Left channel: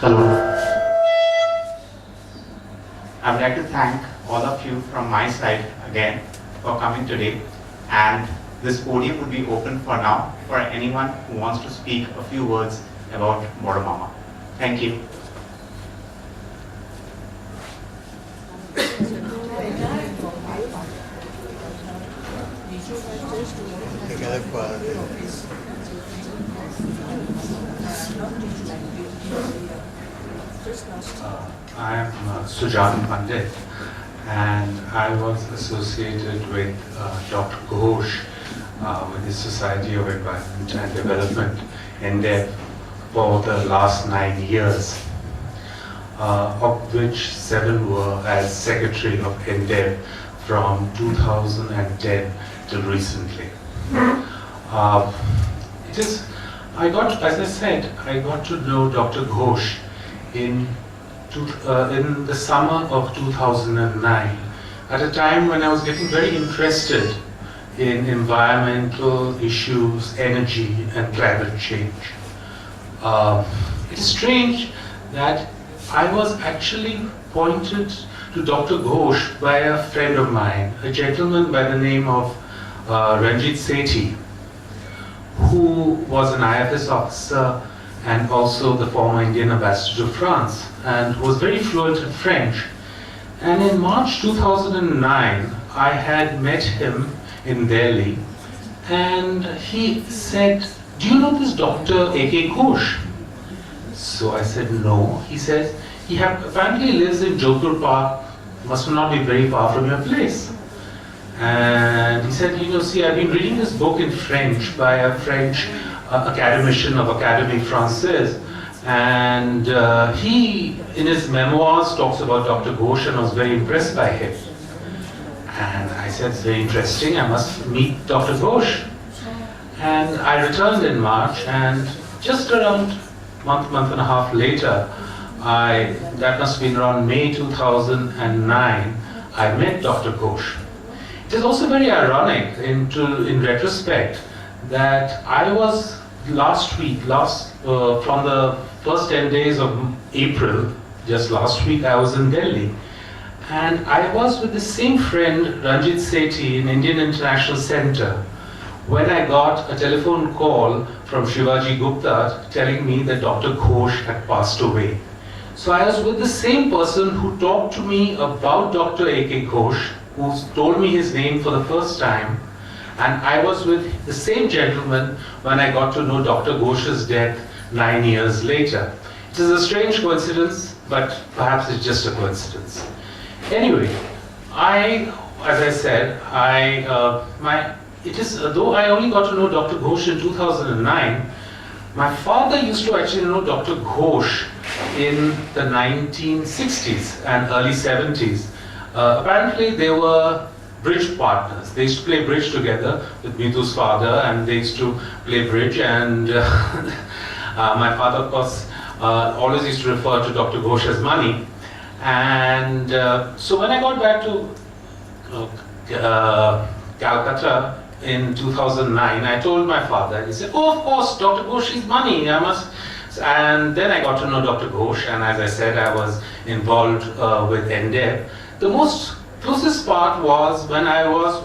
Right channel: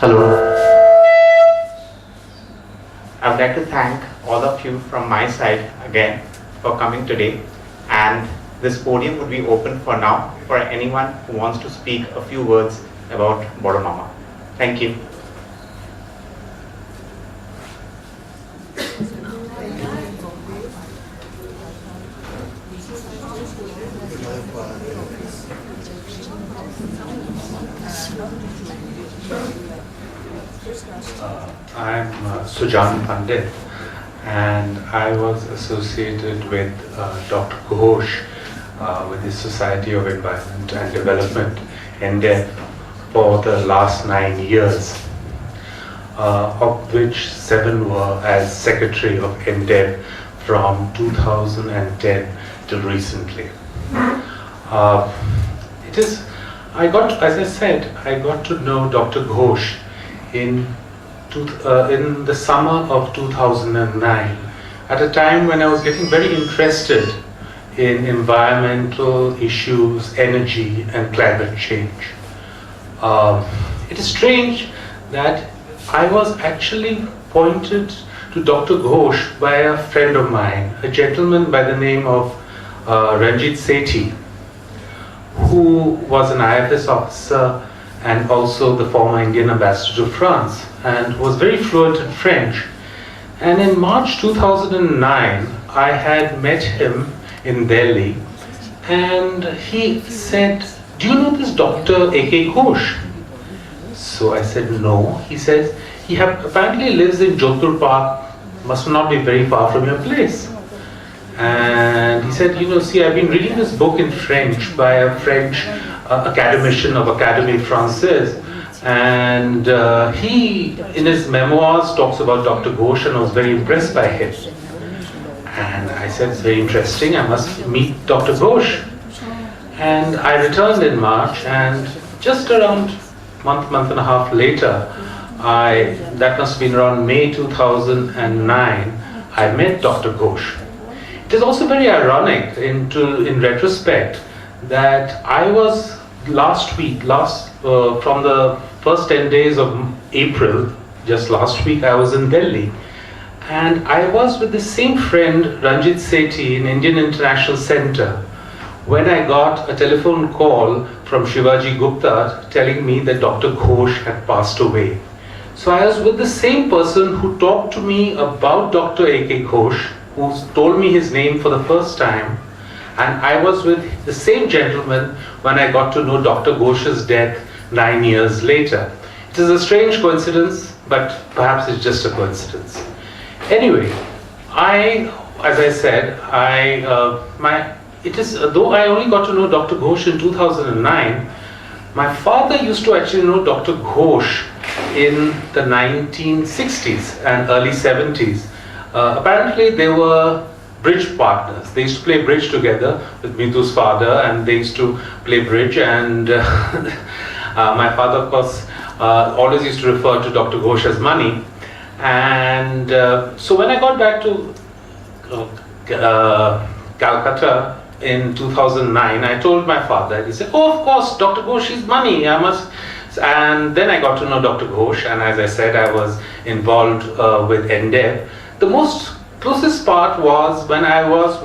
Hello. I would like to thank all of you from my side again for coming today, and this podium would be open for now for anyone who wants to speak a few words about Bodo Mama. Thank you. I am Sujan Pandit, and I was associated with Dr. Ghosh with the Society of Environment and Development, NDEV, for the last 9 years, of which 7 were as Secretary of NDEV from 2010 till recently. As I said, I got to know Dr. Ghosh in the summer of 2009, at a time when I was getting very interested in environmental issues, energy, and climate change. It is strange that I was actually pointed to Dr. Ghosh by a friend of mine, a gentleman by the name of Ranjit Sethi, who was an IFS officer and also the former Indian ambassador to France, and was very fluent in French. And in March 2009, I had met him in Delhi, and he said, "Do you know this Dr. A.K.Ghosh?" So I said, "No." He says, "He apparently lives in Jodhpur Park, must not be very far from your place." And he said, "See, I've been reading this book in French by a French academician of Académie Française, and he, in his memoirs, talks about Dr. Ghosh, and I was very impressed by him." And I said, "It's very interesting, I must meet Dr. Ghosh." And I returned in March, and just around month and a half later, that must have been around May 2009, I met Dr. Ghosh. It is also very ironic in retrospect that I was from the first 10 days of April, just last week, I was in Delhi. And I was with the same friend, Ranjit Sethi, in Indian International Center, when I got a telephone call from Shivaji Gupta telling me that Dr. Ghosh had passed away. So I was with the same person who talked to me about Dr. A.K. Ghosh, who told me his name for the first time, and I was with the same gentleman when I got to know Dr. Ghosh's death 9 years later. It is a strange coincidence, but perhaps it's just a coincidence. Anyway, as I said, though I only got to know Dr. Ghosh in 2009, my father used to actually know Dr. Ghosh in the 1960s and early 70s. Apparently they were bridge partners. They used to play bridge together with Mithu's father, and they used to play bridge, and my father, of course, always used to refer to Dr. Ghosh as money. And so when I got back to Calcutta in 2009, I told my father. He said, "Oh, of course, Dr. Ghosh is money, I must." And then I got to know Dr. Ghosh, and as I said, I was involved with NDEV. The most closest part was when I was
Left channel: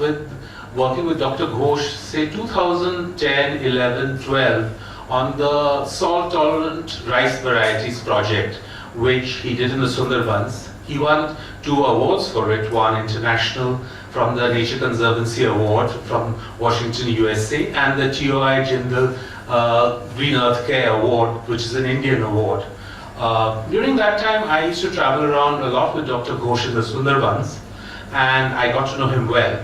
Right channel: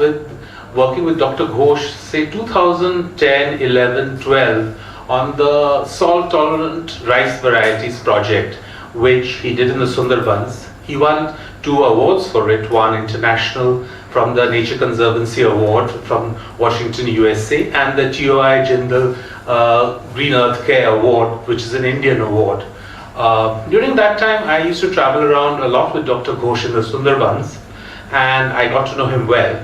working with Dr. Ghosh, say 2010, 11, 12, on the salt-tolerant rice varieties project, which he did in the Sundarbans. He won 2 awards for it, one international from the Nature Conservancy Award from Washington, USA, and the TOI Jindal Green Earth Care Award, which is an Indian award. During that time, I used to travel around a lot with Dr. Ghosh in the Sundarbans, and I got to know him well.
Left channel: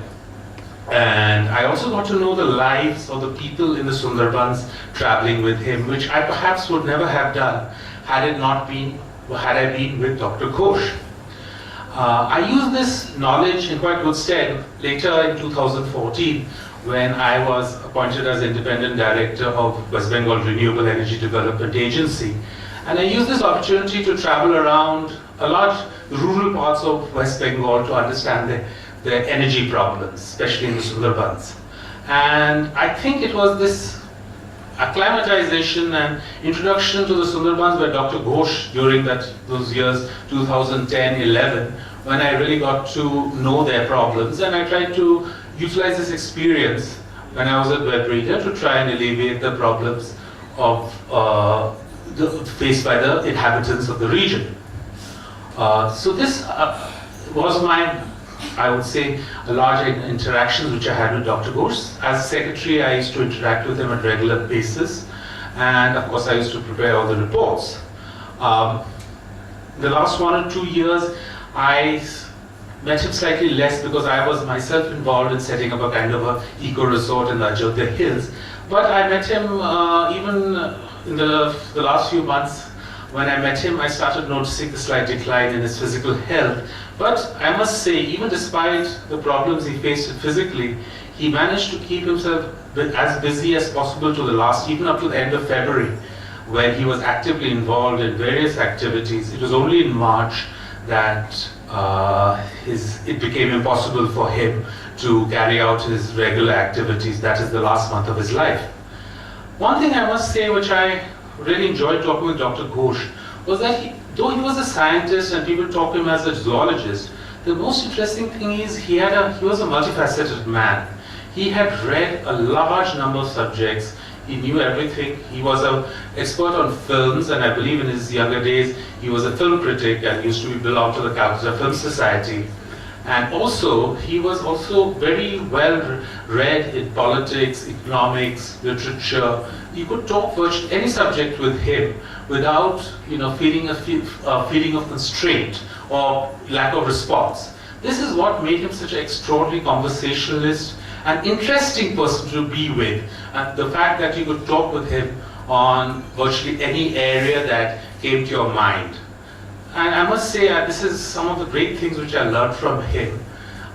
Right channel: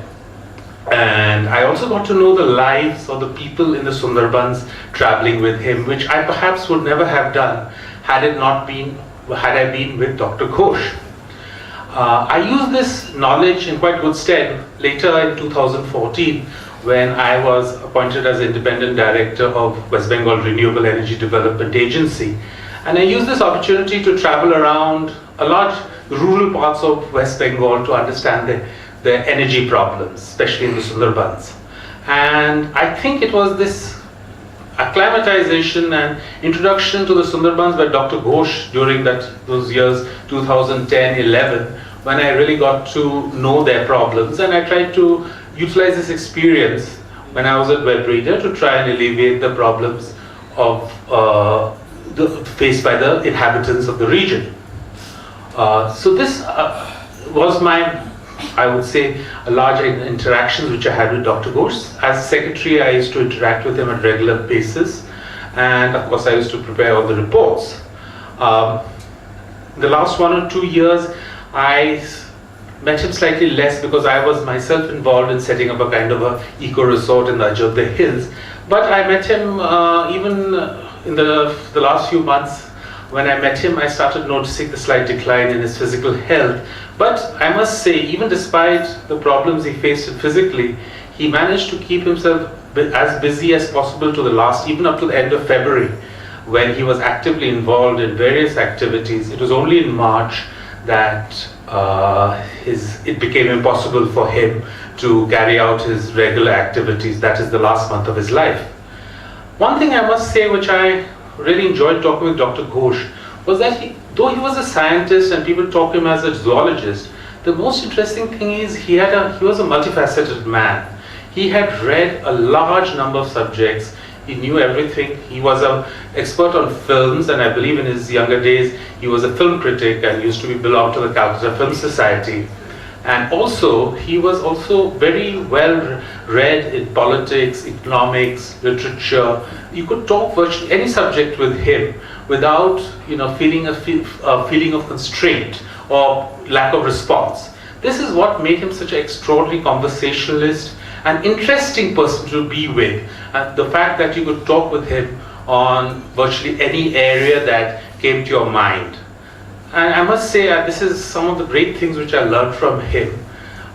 And I also got to know the lives of the people in the Sundarbans traveling with him, which I perhaps would never have done had I been with Dr. Ghosh. I used this knowledge in quite good stead later in 2014, when I was appointed as independent director of West Bengal Renewable Energy Development Agency. And I used this opportunity to travel around a large rural parts of West Bengal to understand the energy problems, especially in the Sundarbans. And I think it was this acclimatization and introduction to the Sundarbans by Dr. Ghosh during those years 2010-11, when I really got to know their problems, and I tried to utilize this experience when I was at Web Reader to try and alleviate the problems of faced by the inhabitants of the region. So this was my, I would say, a large interactions which I had with Dr. Ghosh. As secretary, I used to interact with him on a regular basis, and of course I used to prepare all the reports. The last 1 or 2 years, I met him slightly less because I was myself involved in setting up a kind of a eco-resort in the Ajodhya Hills. But I met him even in the last few months. When I met him, I started noticing the slight decline in his physical health. But I must say, even despite the problems he faced physically, he managed to keep himself as busy as possible to the last, even up to the end of February, when he was actively involved in various activities. It was only in March that it became impossible for him to carry out his regular activities. That is the last month of his life. One thing I must say, which I really enjoyed talking with Dr. Ghosh, was that though he was a scientist and people talk him as a zoologist, the most interesting thing is he was a multifaceted man. He had read a large number of subjects. He knew everything. He was an expert on films, and I believe in his younger days he was a film critic and used to belong to the Calcutta Film Society. And also, he was also very well read in politics, economics, literature. You could talk virtually any subject with him without, feeling a feeling of constraint or lack of response. This is what made him such an extraordinary conversationalist, an interesting person to be with. And the fact that you could talk with him on virtually any area that came to your mind. And I must say, this is some of the great things which I learned from him,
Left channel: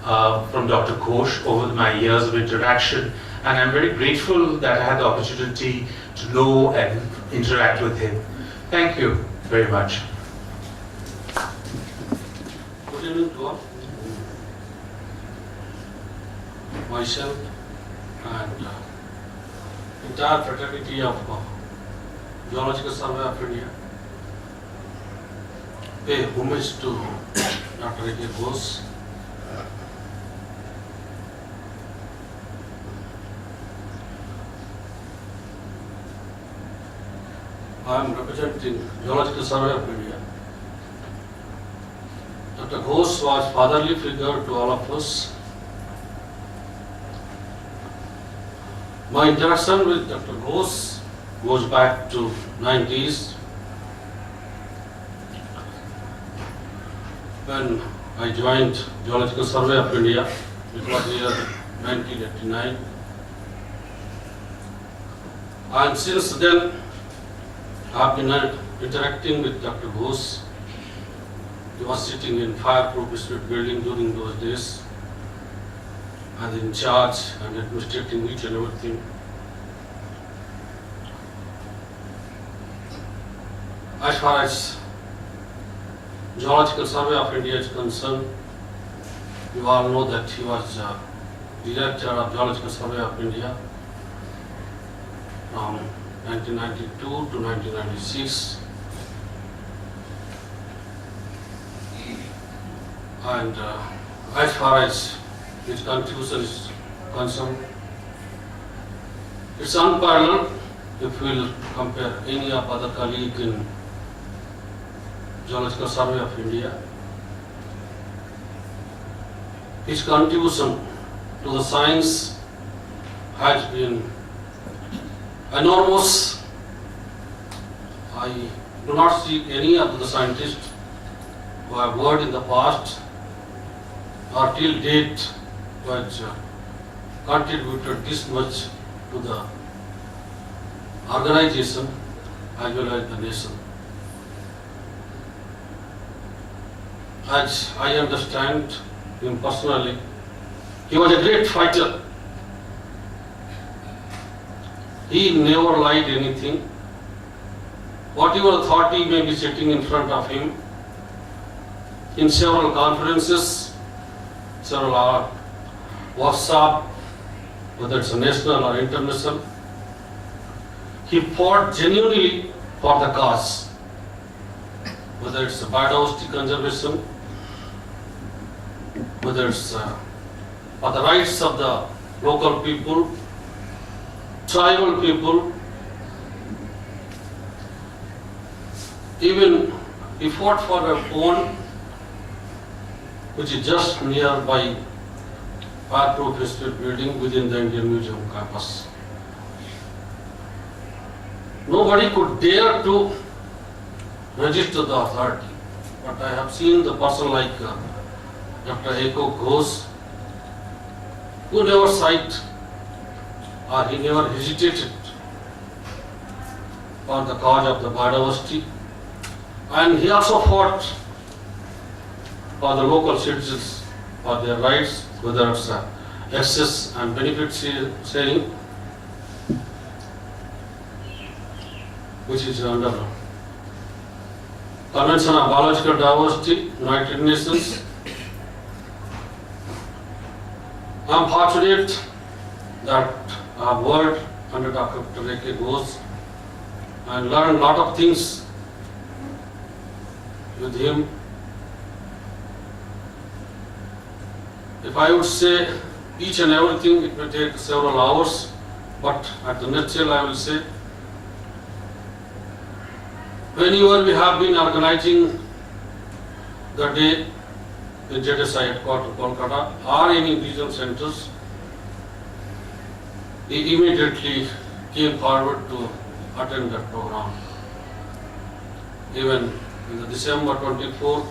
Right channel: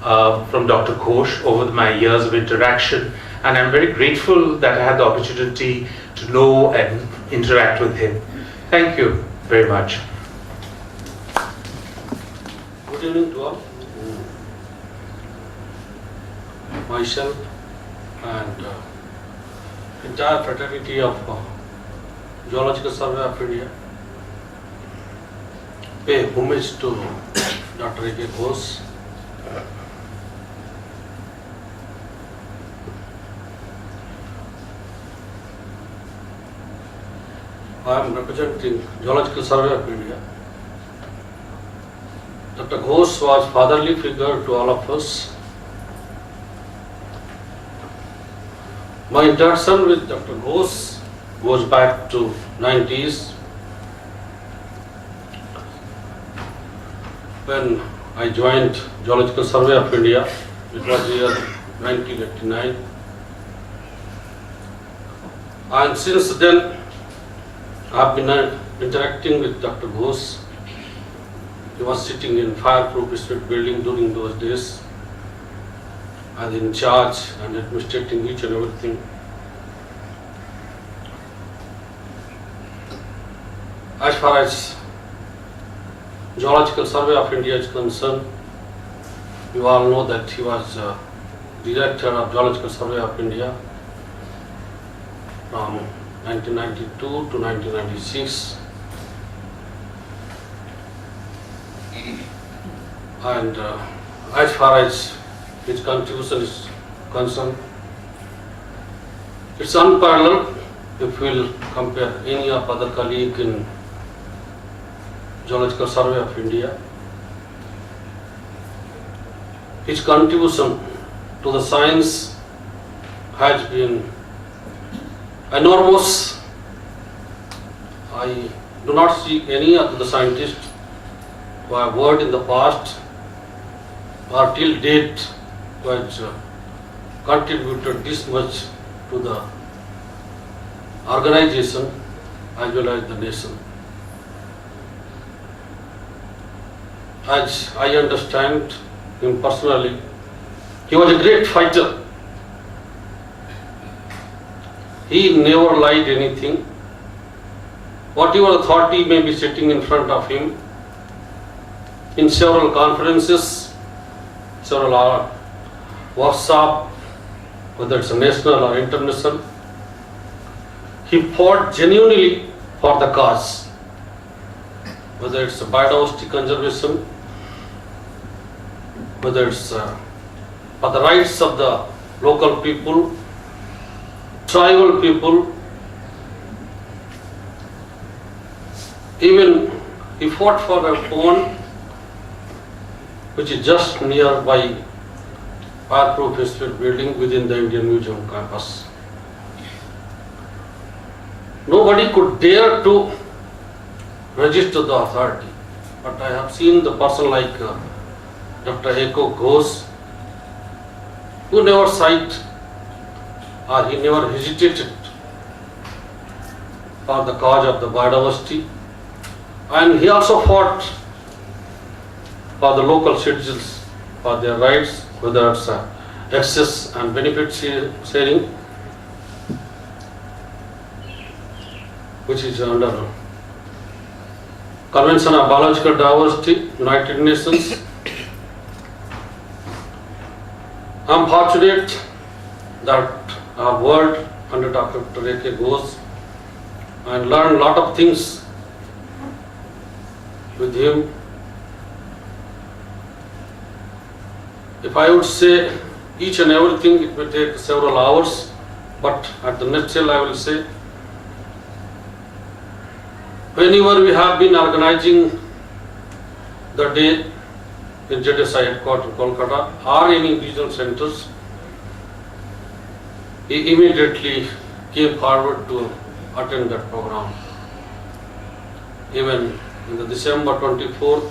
from Dr. Ghosh over my years of interaction. And I'm very grateful that I had the opportunity to know and interact with him. Thank you very much. Good evening to all. Myself and entire fraternity of Geological Survey of India pay homage to Dr. A.K.Ghosh. I am representing Geological Survey of India. Dr. Ghosh was fatherly figure to all of us. My interaction with Dr. Ghosh goes back to 90s, when I joined Geological Survey of India. It was the year 1989. And since then, I have been interacting with Dr. Ghosh. He was sitting in fireproof district building during those days, and in charge and administrating each and everything. As far as Geological Survey of India is concerned, you all know that he was director of Geological Survey of India from 1992 to 1996. And as far as his contribution is concerned, it's unparalleled if we'll compare any of other colleague in Geological Survey of India. His contribution to the science has been enormous. I do not see any of the scientists who have worked in the past or till date who has contributed this much to the organization as well as the nation. As I understand him personally, he was a great fighter. He never lied anything. Whatever authority may be sitting in front of him, in several conferences, several workshops, whether it's national or international, he fought genuinely for the cause, whether it's biodiversity conservation, whether it's for the rights of the local people, tribal people. Even he fought for a pond which is just nearby fireproof institute building within the Indian Museum campus. Nobody could dare to register the authority, but I have seen the person like Dr. A.K.Ghosh, who never sighed or he never hesitated for the cause of the biodiversity, and he also fought for the local citizens for their rights, whether it's access and benefit sharing, which is under Convention on Biological Diversity, United Nations. I am fortunate that I have worked under Dr. A.K.Ghosh and learned a lot of things with him. If I would say each and everything, it will take several hours, but at the nutshell I will say, whenever we have been organizing the day in JDSI headquarters, Kolkata, or any regional centers, he immediately came forward to attend that program. Even in the December 24th,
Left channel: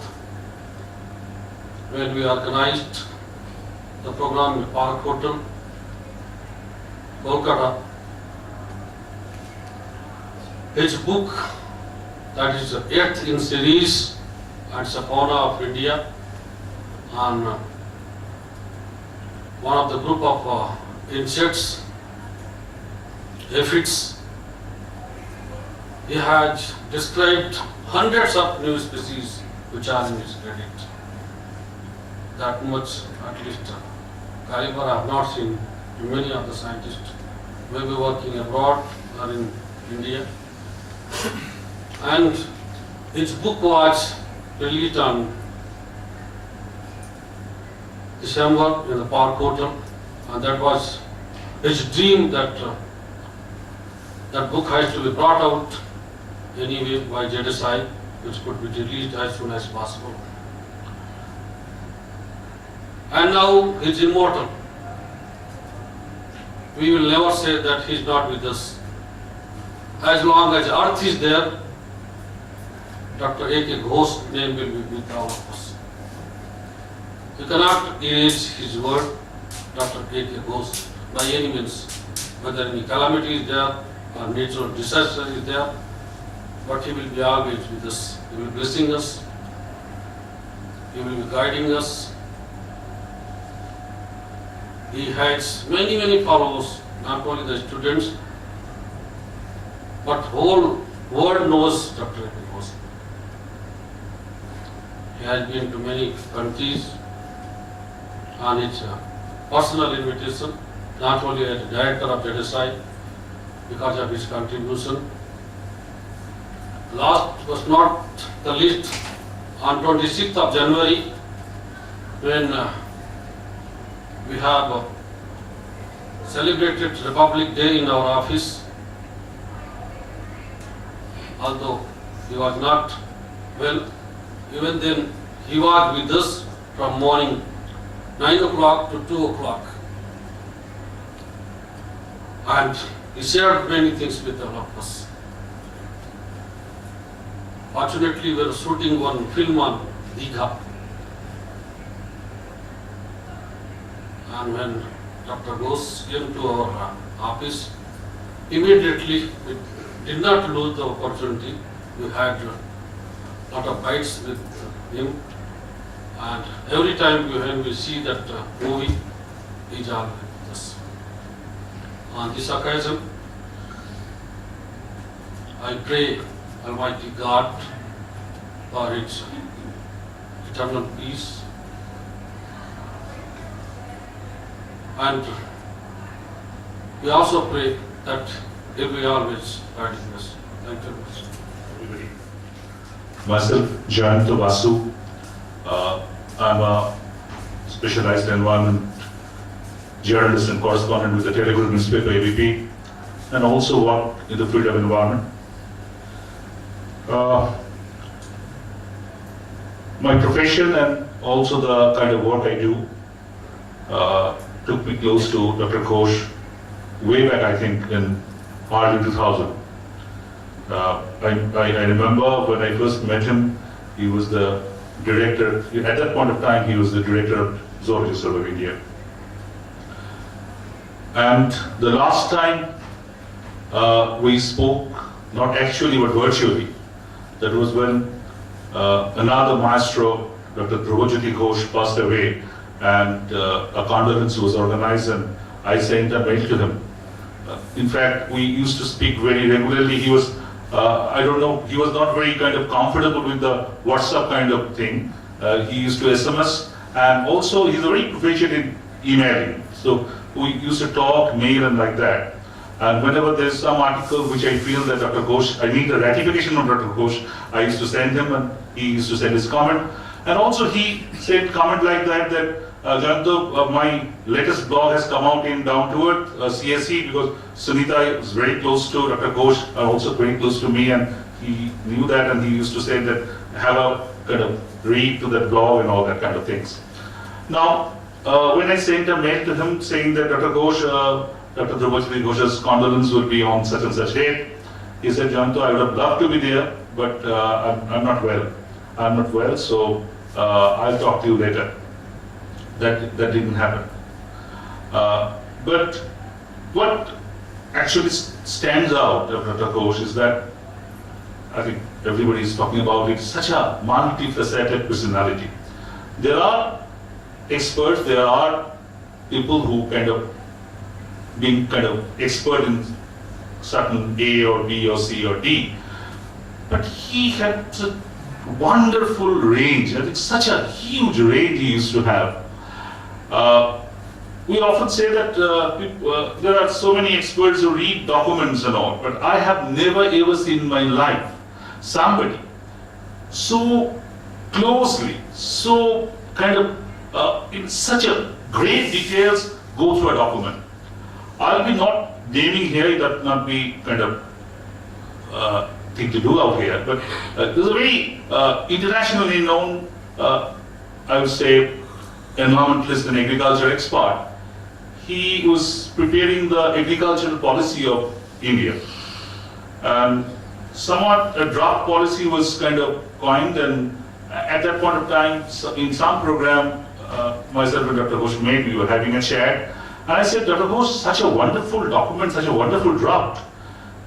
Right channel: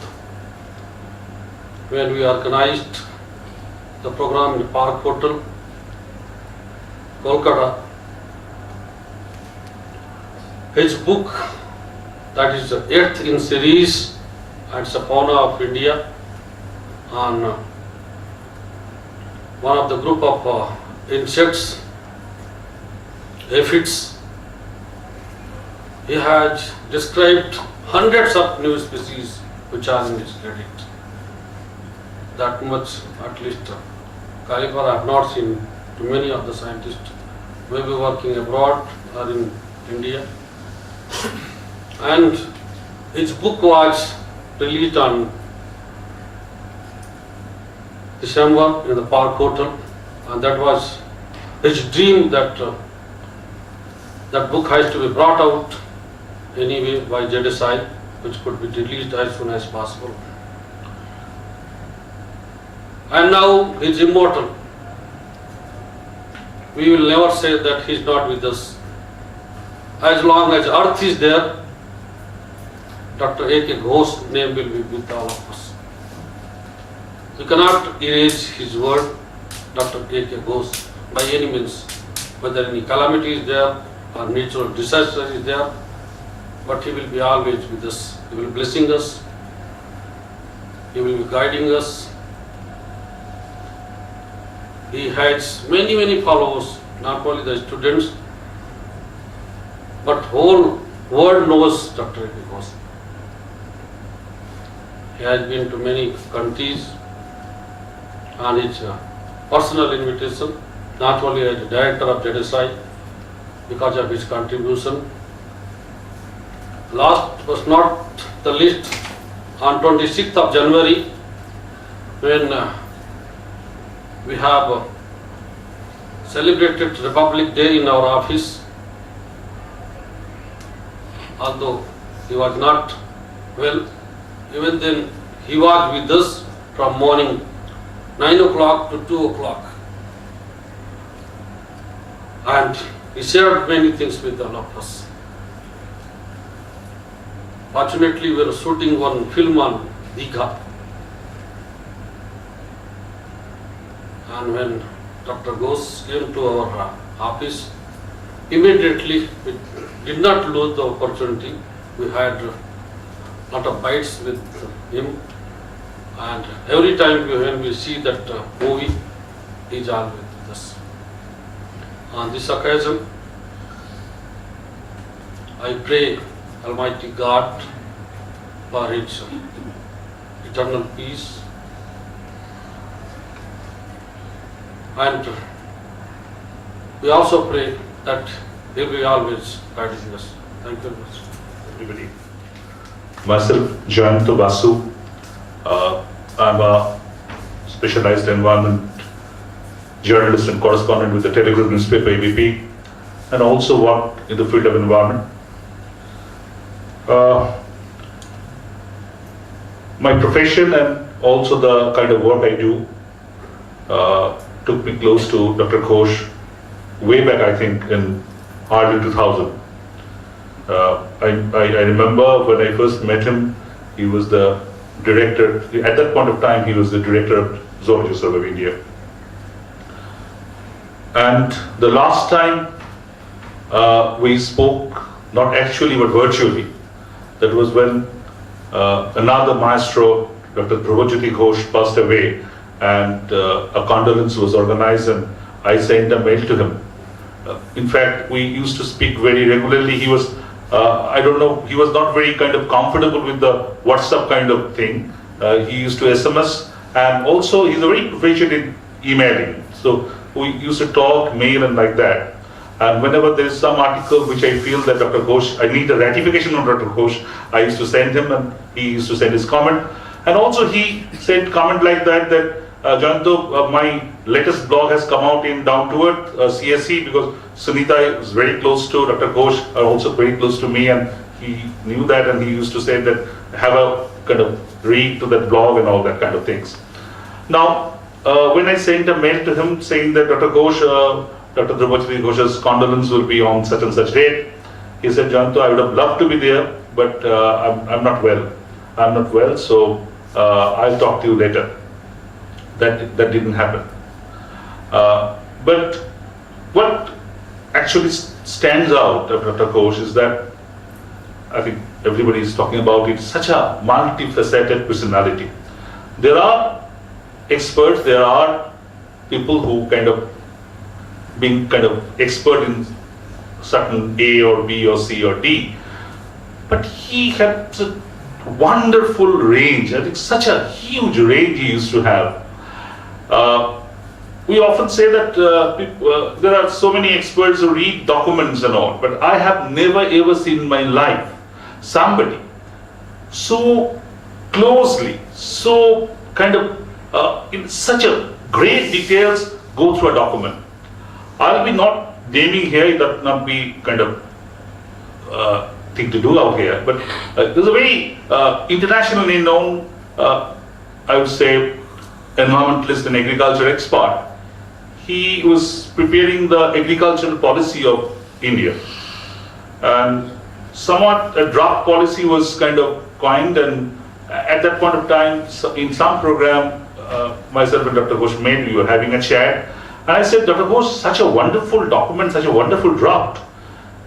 when we organized the program in Park Hotel, Kolkata, his book, that is the 8th in series, and Fauna of India, on one of the group of insects, aphids. He has described hundreds of new species which are in his credit. That much, at least, caliber I have not seen to many of the scientists, maybe working abroad or in India. And his book was released on December in the Park Hotel, and that was his dream that that book has to be brought out anyway by JDSI, which could be released as soon as possible. And now he is immortal. We will never say that he is not with us. As long as earth is there, Dr. A.K.Ghosh's name will be with all of us. You cannot erase his word, Dr. A.K.Ghosh, by any means, whether any calamity is there or natural disaster is there, but he will be always with us. He will be blessing us, he will be guiding us. He has many followers, not only the students, but whole world knows Dr. A.K.Ghosh. He has been to many countries on his personal invitation, not only as the director of JDSI, because of his contribution. Last but not the least, on 26th of January, when we have celebrated Republic Day in our office, although he was not well, even then he was with us from morning 9 o'clock to 2 o'clock, and he shared many things with all of us. Fortunately, we were shooting one film on Digha, and when Dr. Ghosh came to our office, immediately we did not lose the opportunity. We had a lot of bites with him, and every time when we see that movie, he is always with us. On this occasion, I pray Almighty God for its eternal peace, and we also pray that He will always guide us. Thank you very much. Everybody. Myself, Jayanto Basu. I'm a specialized environment journalist and correspondent with the Telugu newspaper ABP, and also work in the field of environment. My profession and also the kind of work I do took me close to Dr. Ghosh way back, I think, in early 2000. I remember when I first met him, he was the director, at that point of time, he was the director of Zoology Survey of India. And the last time we spoke, not actually but virtually, that was when another maestro, Dr. A.K.Ghosh, passed away, and a condolence was organized, and I sent a mail to him. In fact, we used to speak very regularly. He was, I don't know, he was not very kind of comfortable with the WhatsApp kind of thing. He used to SMS, and also he's very proficient in emailing. So we used to talk, mail, and like that. And whenever there's some article which I feel that Dr. Ghosh, I need a ratification from Dr. Ghosh, I used to send him, and he used to send his comment. And also he sent comment like that, Jayanto, my latest blog has come out in Down to Earth, CSE, because Sunita is very close to Dr. Ghosh, also very close to me, and he knew that, and he used to say that, have a kind of read to that blog and all that kind of things. Now, when I sent a mail to him saying that Dr. Ghosh, Dr. A.K.Ghosh's condolence will be on such and such date, he said, Jayanto, I would have loved to be there, but I'm not well. I'm not well, so I'll talk to you later. That didn't happen. But what actually stands out of Dr. Ghosh is that, I think everybody is talking about it, such a multifaceted personality. There are experts, there are people who being expert in certain A or B or C or D, but he had such wonderful range. I think such a huge range he used to have. We often say that there are so many experts who read documents and all, but I have never ever seen in my life somebody so closely, so in such a great details go through a document. I'll be not naming here, that not be thing to do out here, but there's a very internationally known, I would say, environmentalist and agriculture expert. He was preparing the agricultural policy of India, and somewhat a draft policy was coined, and at that point of time, in some program, myself and Dr. Ghosh we were having a chat, and I said, Dr. Ghosh, such a wonderful document, such a wonderful draft.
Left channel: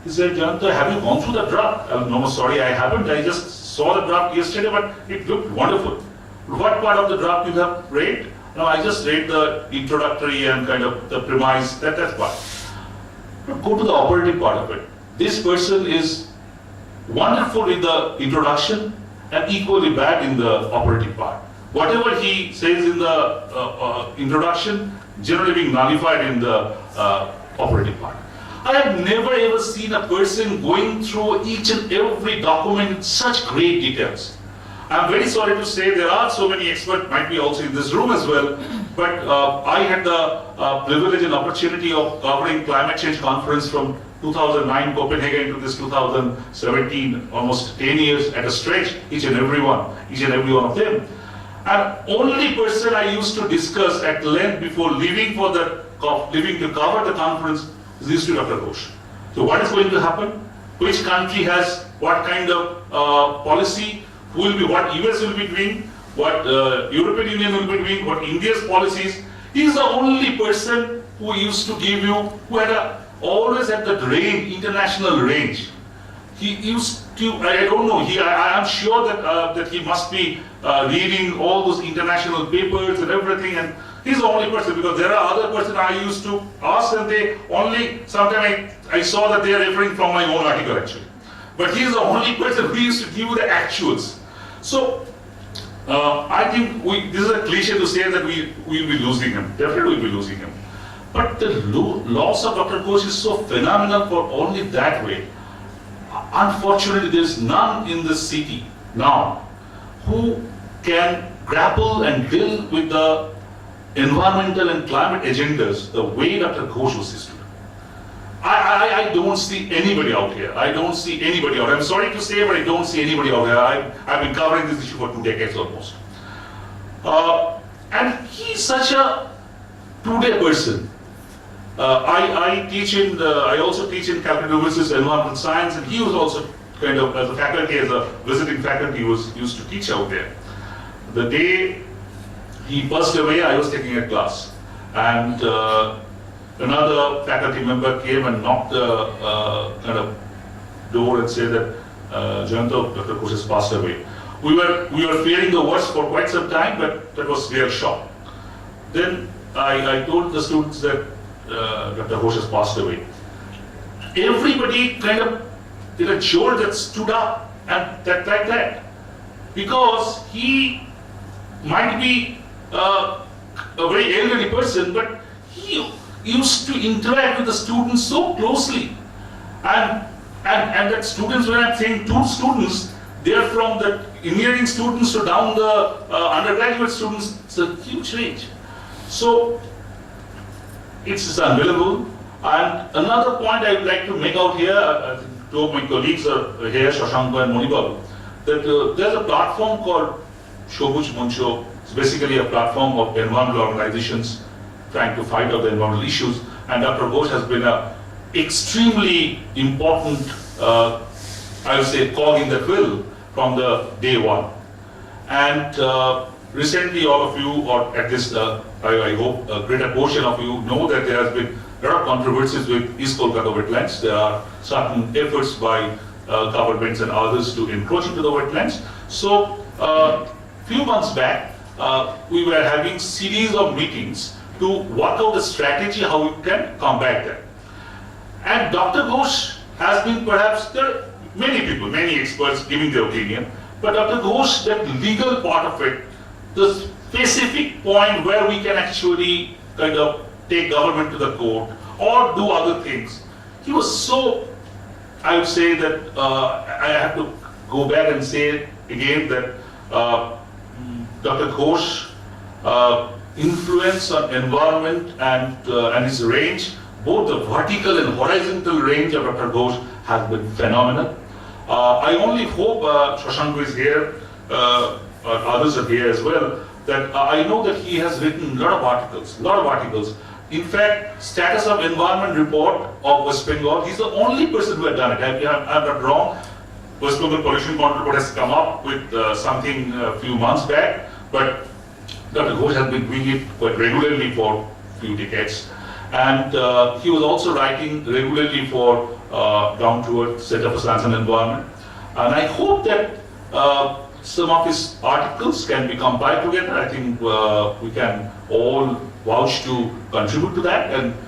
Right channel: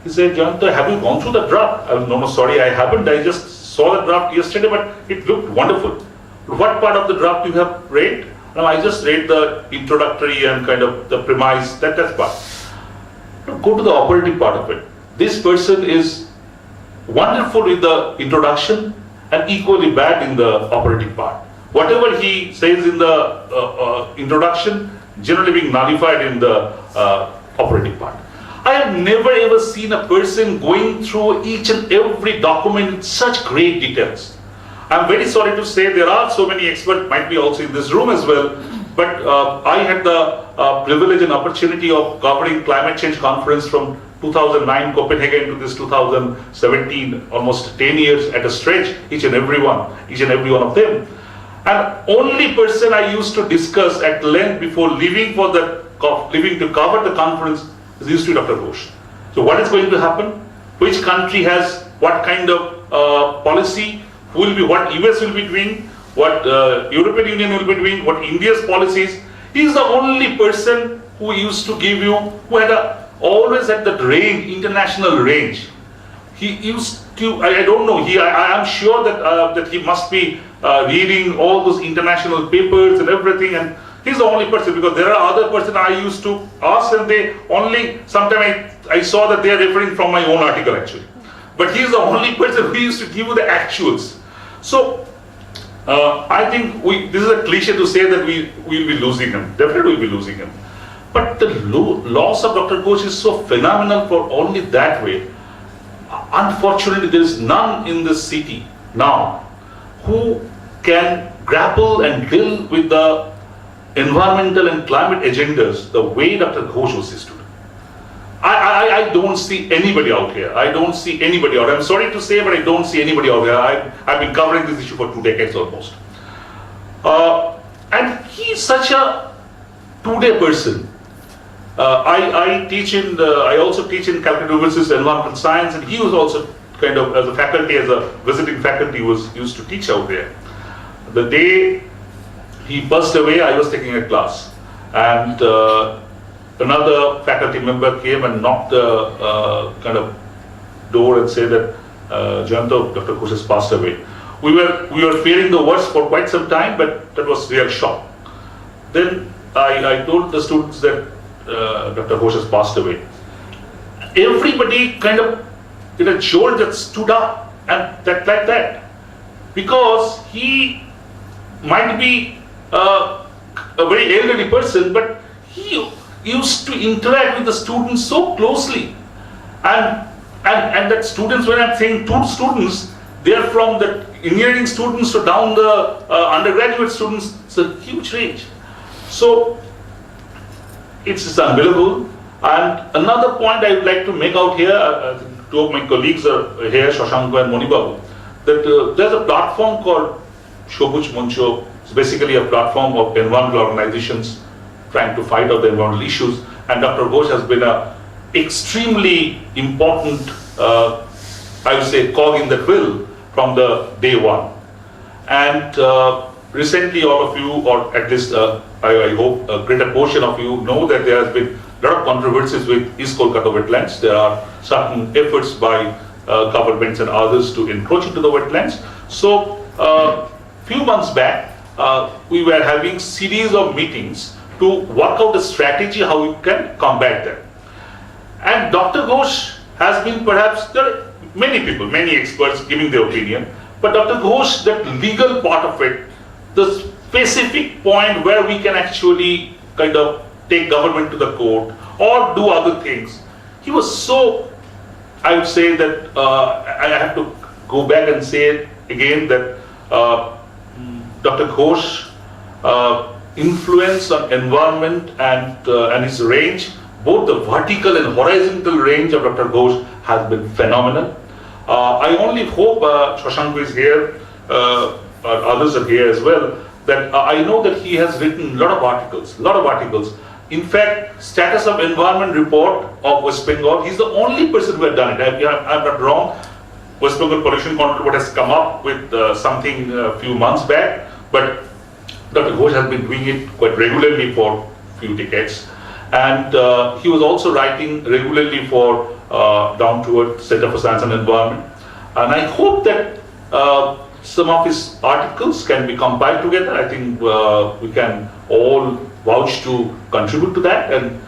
He said, Jayanto, have you gone through the draft? I was, no, sorry, I haven't. I just saw the draft yesterday, but it looked wonderful. What part of the draft you have read? No, I just read the introductory and the premise, that part. But go to the operative part of it. This person is wonderful in the introduction and equally bad in the operative part. Whatever he says in the introduction, generally being nullified in the operative part. I have never ever seen a person going through each and every document in such great details. I'm very sorry to say there are so many experts, might be also in this room as well, but I had the privilege and opportunity of covering climate change conference from 2009 Copenhagen to this 2017, almost 10 years at a stretch, each and every one of them. And only person I used to discuss at length before leaving to cover the conference is used to Dr. Ghosh. So what is going to happen? Which country has what kind of policy? Who will be, what US will be doing? What European Union will be doing? What India's policies? He is the only person who used to give you, who had always at that range, international range. He used to, I don't know, I am sure that he must be reading all those international papers and everything, and he's the only person, because there are other persons I used to ask, and they only, sometimes I saw that they are referring from my own article actually. But he's the only person who used to give you the actuals. So, I think this is a cliche to say that we will be losing him. Definitely we'll be losing him. But the loss of Dr. Ghosh is so phenomenal for only that way. Unfortunately, there is none in this city now who can grapple and deal with the environmental and climate agendas the way Dr. Ghosh was used to. I don't see anybody out here. I don't see anybody out. I'm sorry to say, but I don't see anybody out here. I've been covering this issue for 2 decades almost. And he's such a two-day person. I also teach in Calcutta University's environmental science, and he was also kind of, as a faculty, as a visiting faculty, was used to teach out there. The day he passed away, I was taking a class, and another faculty member came and knocked the kind of door and said that Jayanta, Dr. Ghosh has passed away. We were fearing the worst for quite some time, but that was real shock. Then I told the students that Dr. Ghosh has passed away. Everybody kind of did a jolt that stood up and like that, because he might be a very elderly person, but he used to interact with the students so closely, and that students, when I'm saying two students, they are from the engineering students to down the undergraduate students. It's a huge range. So it's unbelievable. And another point I would like to make out here, two of my colleagues are here, Shashank and Monibabu, that there's a platform called Shobuj Muncho. It's basically a platform of environmental organizations trying to fight out the environmental issues. And Dr. Ghosh has been an extremely important, I would say, cog in the wheel from the day one. And recently, all of you, or at least I hope a greater portion of you, know that there has been a lot of controversies with East Kolkata wetlands. There are certain efforts by governments and others to encroach into the wetlands. So, few months back, we were having series of meetings to work out a strategy how we can combat them. And Dr. Ghosh has been, perhaps, there are many people, many experts giving their opinion, but Dr. Ghosh, that legal part of it, the specific point where we can actually kind of take government to the court or do other things, he was so, I would say that I have to go back and say again that Dr. Ghosh influence on environment and his range, both the vertical and horizontal range of Dr. Ghosh has been phenomenal. I only hope Shashank is here, others are here as well, that I know that he has written a lot of articles. In fact, Status of Environment Report of West Bengal, he's the only person who has done it. I'm not wrong. West Bengal Pollution Control Board has come up with something a few months back, but Dr. Ghosh has been doing it quite regularly for a few decades. And he was also writing regularly for Down to Earth Center for Science and Environment. And I hope that some of his articles can be compiled together. I think we can all vouch to contribute to that and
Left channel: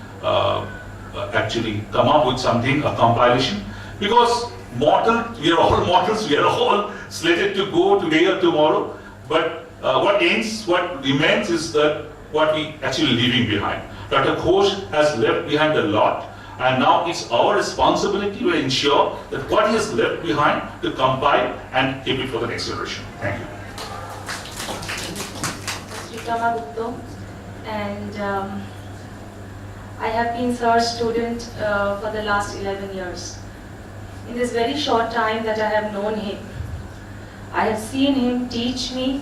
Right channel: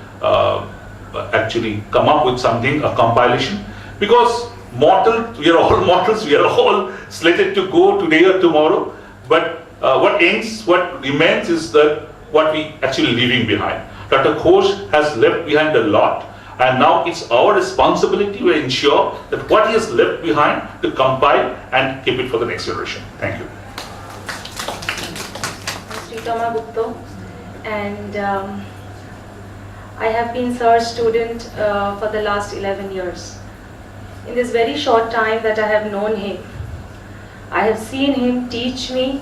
actually come up with something, a compilation. Because we are all mortals, we are all slated to go today or tomorrow. But what remains is that what we actually leaving behind. Dr. Ghosh has left behind a lot, and now it's our responsibility to ensure that what he has left behind to compile and keep it for the next generation. Thank you. Sritama Gupta, and I have been Sir's student for the last 11 years. In this very short time that I have known him, I have seen him teach me,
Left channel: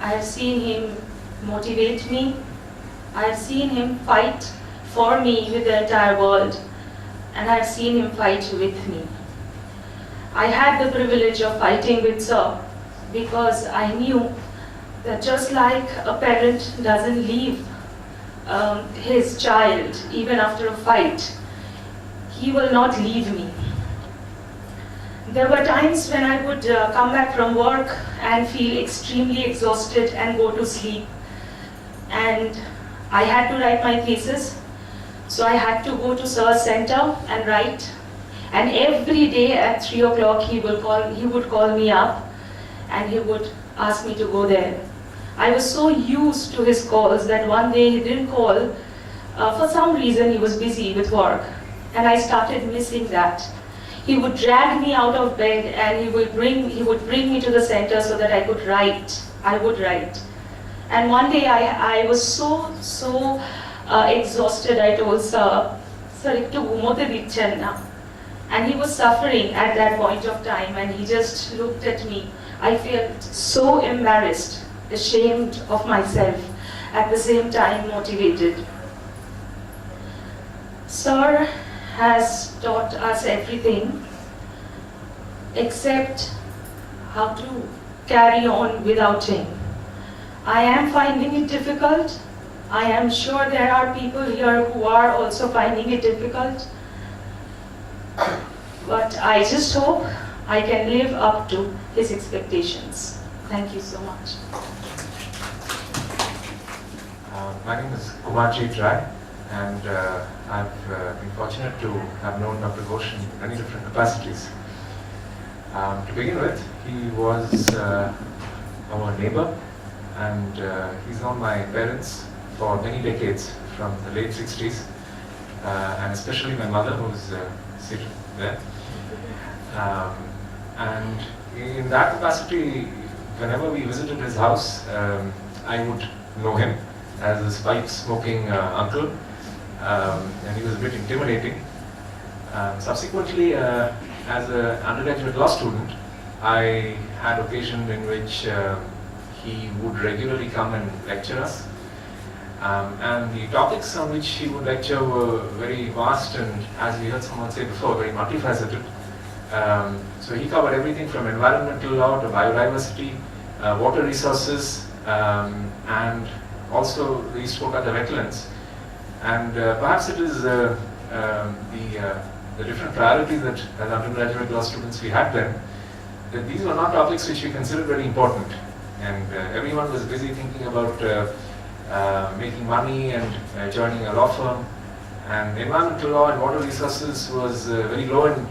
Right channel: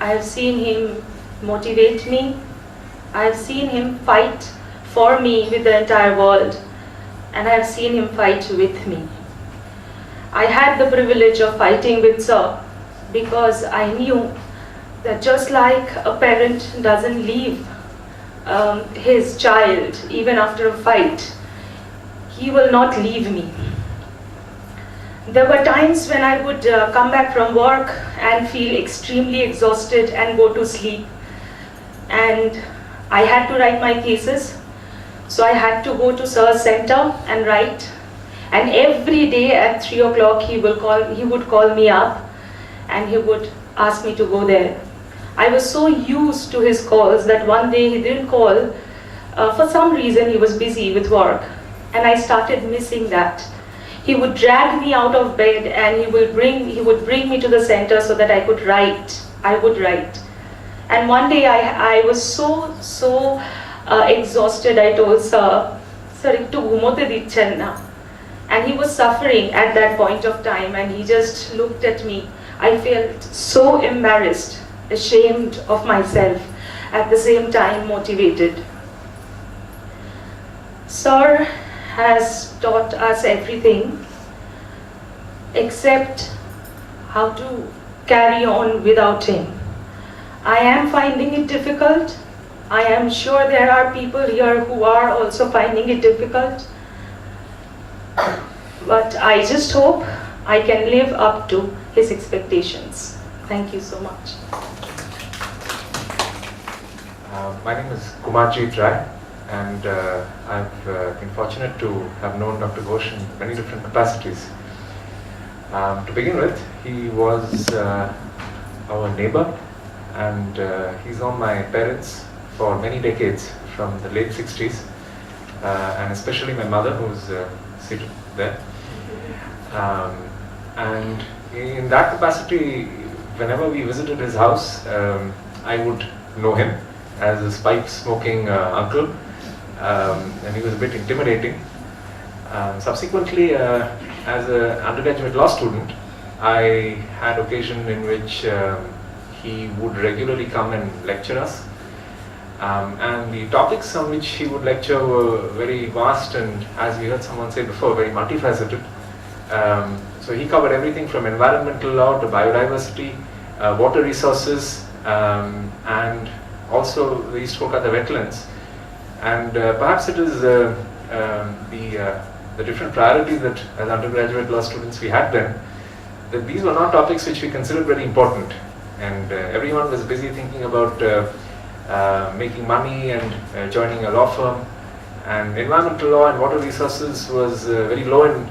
I have seen him motivate me, I have seen him fight for me with the entire world, and I have seen him fight with me. I had the privilege of fighting with Sir because I knew that just like a parent doesn't leave his child even after a fight, he will not leave me. There were times when I would come back from work and feel extremely exhausted and go to sleep. And I had to write my thesis, so I had to go to Sir's center and write. And every day at 3 o'clock he would call me up and he would ask me to go there. I was so used to his calls that one day he didn't call For some reason, he was busy with work, and I started missing that. He would drag me out of bed and he would bring me to the center so that I could write. I would write. And one day I was so exhausted. I told sir, ekটু ঘুমোতে দিচ্ছেন না. And he was suffering at that point of time, and he just looked at me. I felt so embarrassed, ashamed of myself, at the same time motivated. Sir has taught us everything except how to carry on without him. I am finding it difficult. I am sure there are people here who are also finding it difficult. But I just hope I can live up to his expectations. Thank you so much. My name is Kumarji Rai, and I've been fortunate to have known Dr. Ghosh in many different capacities. To begin with, he was our neighbor, and he's known my parents for many decades, from the late 60s, and especially my mother, who's seated there. And in that capacity, whenever we visited his house, I would know him as his pipe-smoking uncle, and he was a bit intimidating. Subsequently, as an undergraduate law student, I had occasion in which he would regularly come and lecture us. And the topics on which he would lecture were very vast and, as we heard someone say before, very multifaceted. So he covered everything from environmental law to biodiversity, water resources, and also the East Kolkata wetlands. And perhaps it is the different priorities that as undergraduate law students we had then, that these were not topics which we considered very important. And everyone was busy thinking about making money and joining a law firm. And environmental law and water resources was very low in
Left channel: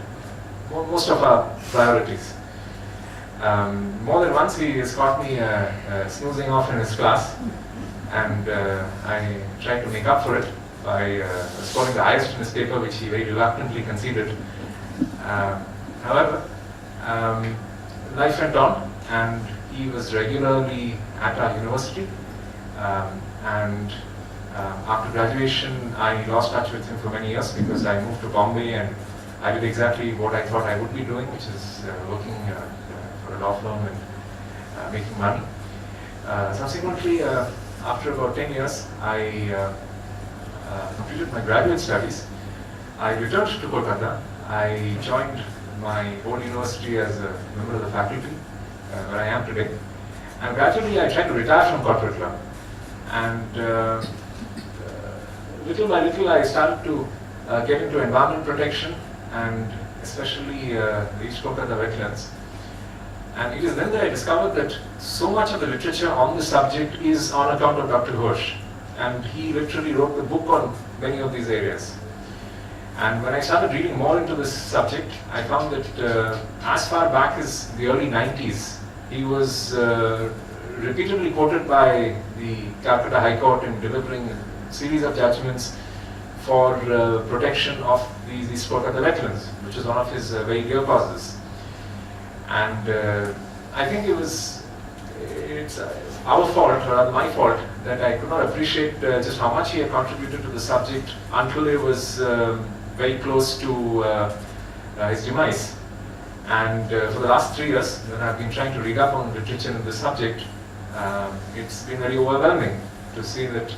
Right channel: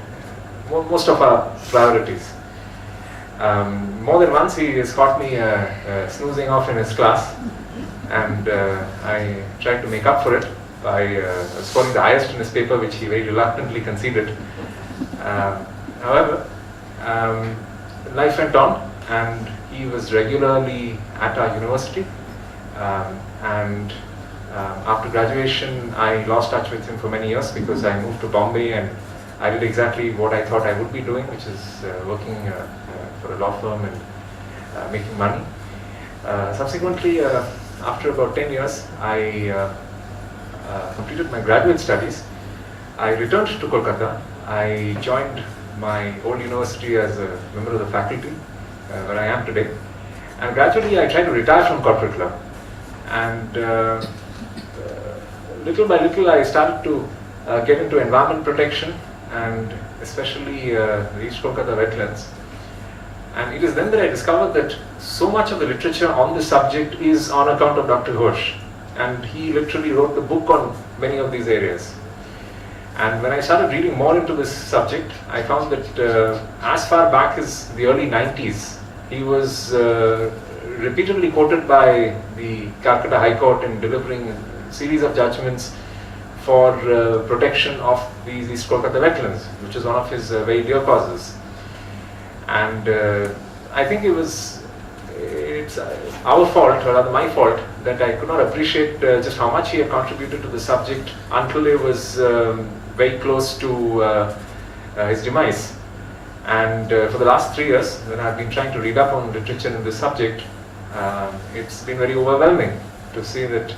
most of our priorities. More than once he has caught me snoozing off in his class, and I tried to make up for it by scoring the highest in his paper, which he very reluctantly conceded. However, life went on, and he was regularly at our university. And after graduation, I lost touch with him for many years because I moved to Bombay, and I did exactly what I thought I would be doing, which is working for a law firm and making money. Subsequently, after about 10 years, I completed my graduate studies. I returned to Kolkata. I joined my old university as a member of the faculty, where I am today. And gradually, I tried to retire from corporate law. And little by little, I started to get into environment protection, and especially the East Kolkata wetlands. And it is then that I discovered that so much of the literature on this subject is on account of Dr. Ghosh. And he literally wrote the book on many of these areas. And when I started reading more into this subject, I found that as far back as the early 90s, he was repeatedly quoted by the Calcutta High Court in delivering a series of judgments for protection of these East Kolkata wetlands, which is one of his very dear causes. And I think it's our fault, or rather my fault, that I could not appreciate just how much he had contributed to the subject until it was very close to his demise. And for the last 3 years, when I've been trying to read up on literature in this subject, it's been very overwhelming to see that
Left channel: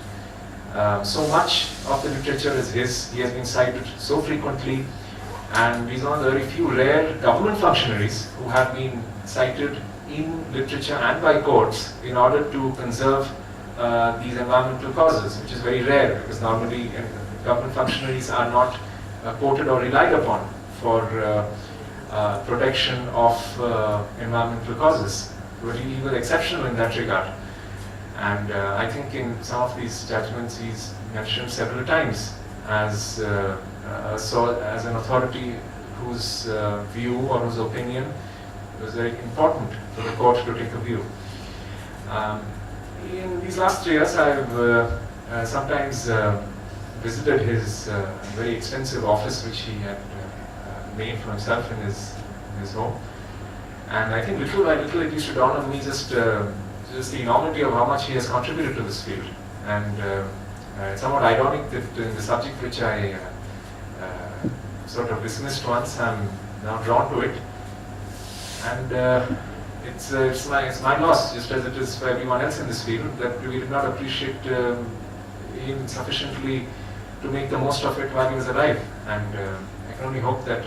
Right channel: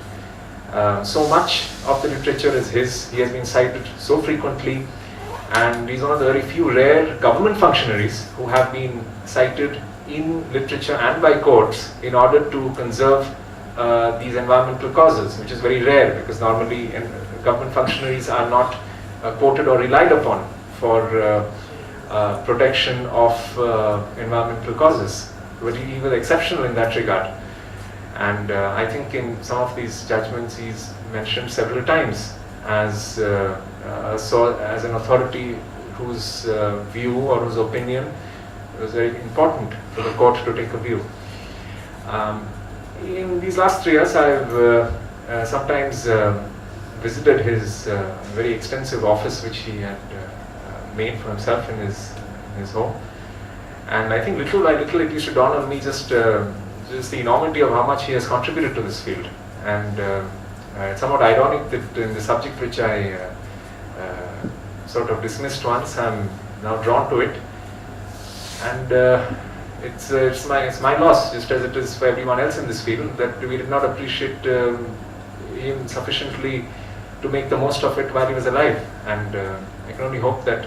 so much of the literature is his. He has been cited so frequently, and he's one of the very few rare government functionaries who have been cited in literature and by courts in order to conserve these environmental causes, which is very rare because normally government functionaries are not quoted or relied upon for protection of environmental causes. But he was exceptional in that regard. And I think in some of these judgments he's mentioned several times as an authority whose view or whose opinion was very important for the court to take a view. In these last 3 years, I've sometimes visited his very expensive office which he had made for himself in his home. And I think little by little it used to dawn on me just the enormity of how much he has contributed to this field. And it's somewhat ironic that in the subject which I sort of dismissed once, I'm now drawn to it. And it's my loss, just as it is for everyone else in this field, that we did not appreciate him sufficiently to make the most of it while he was alive. And I can only hope that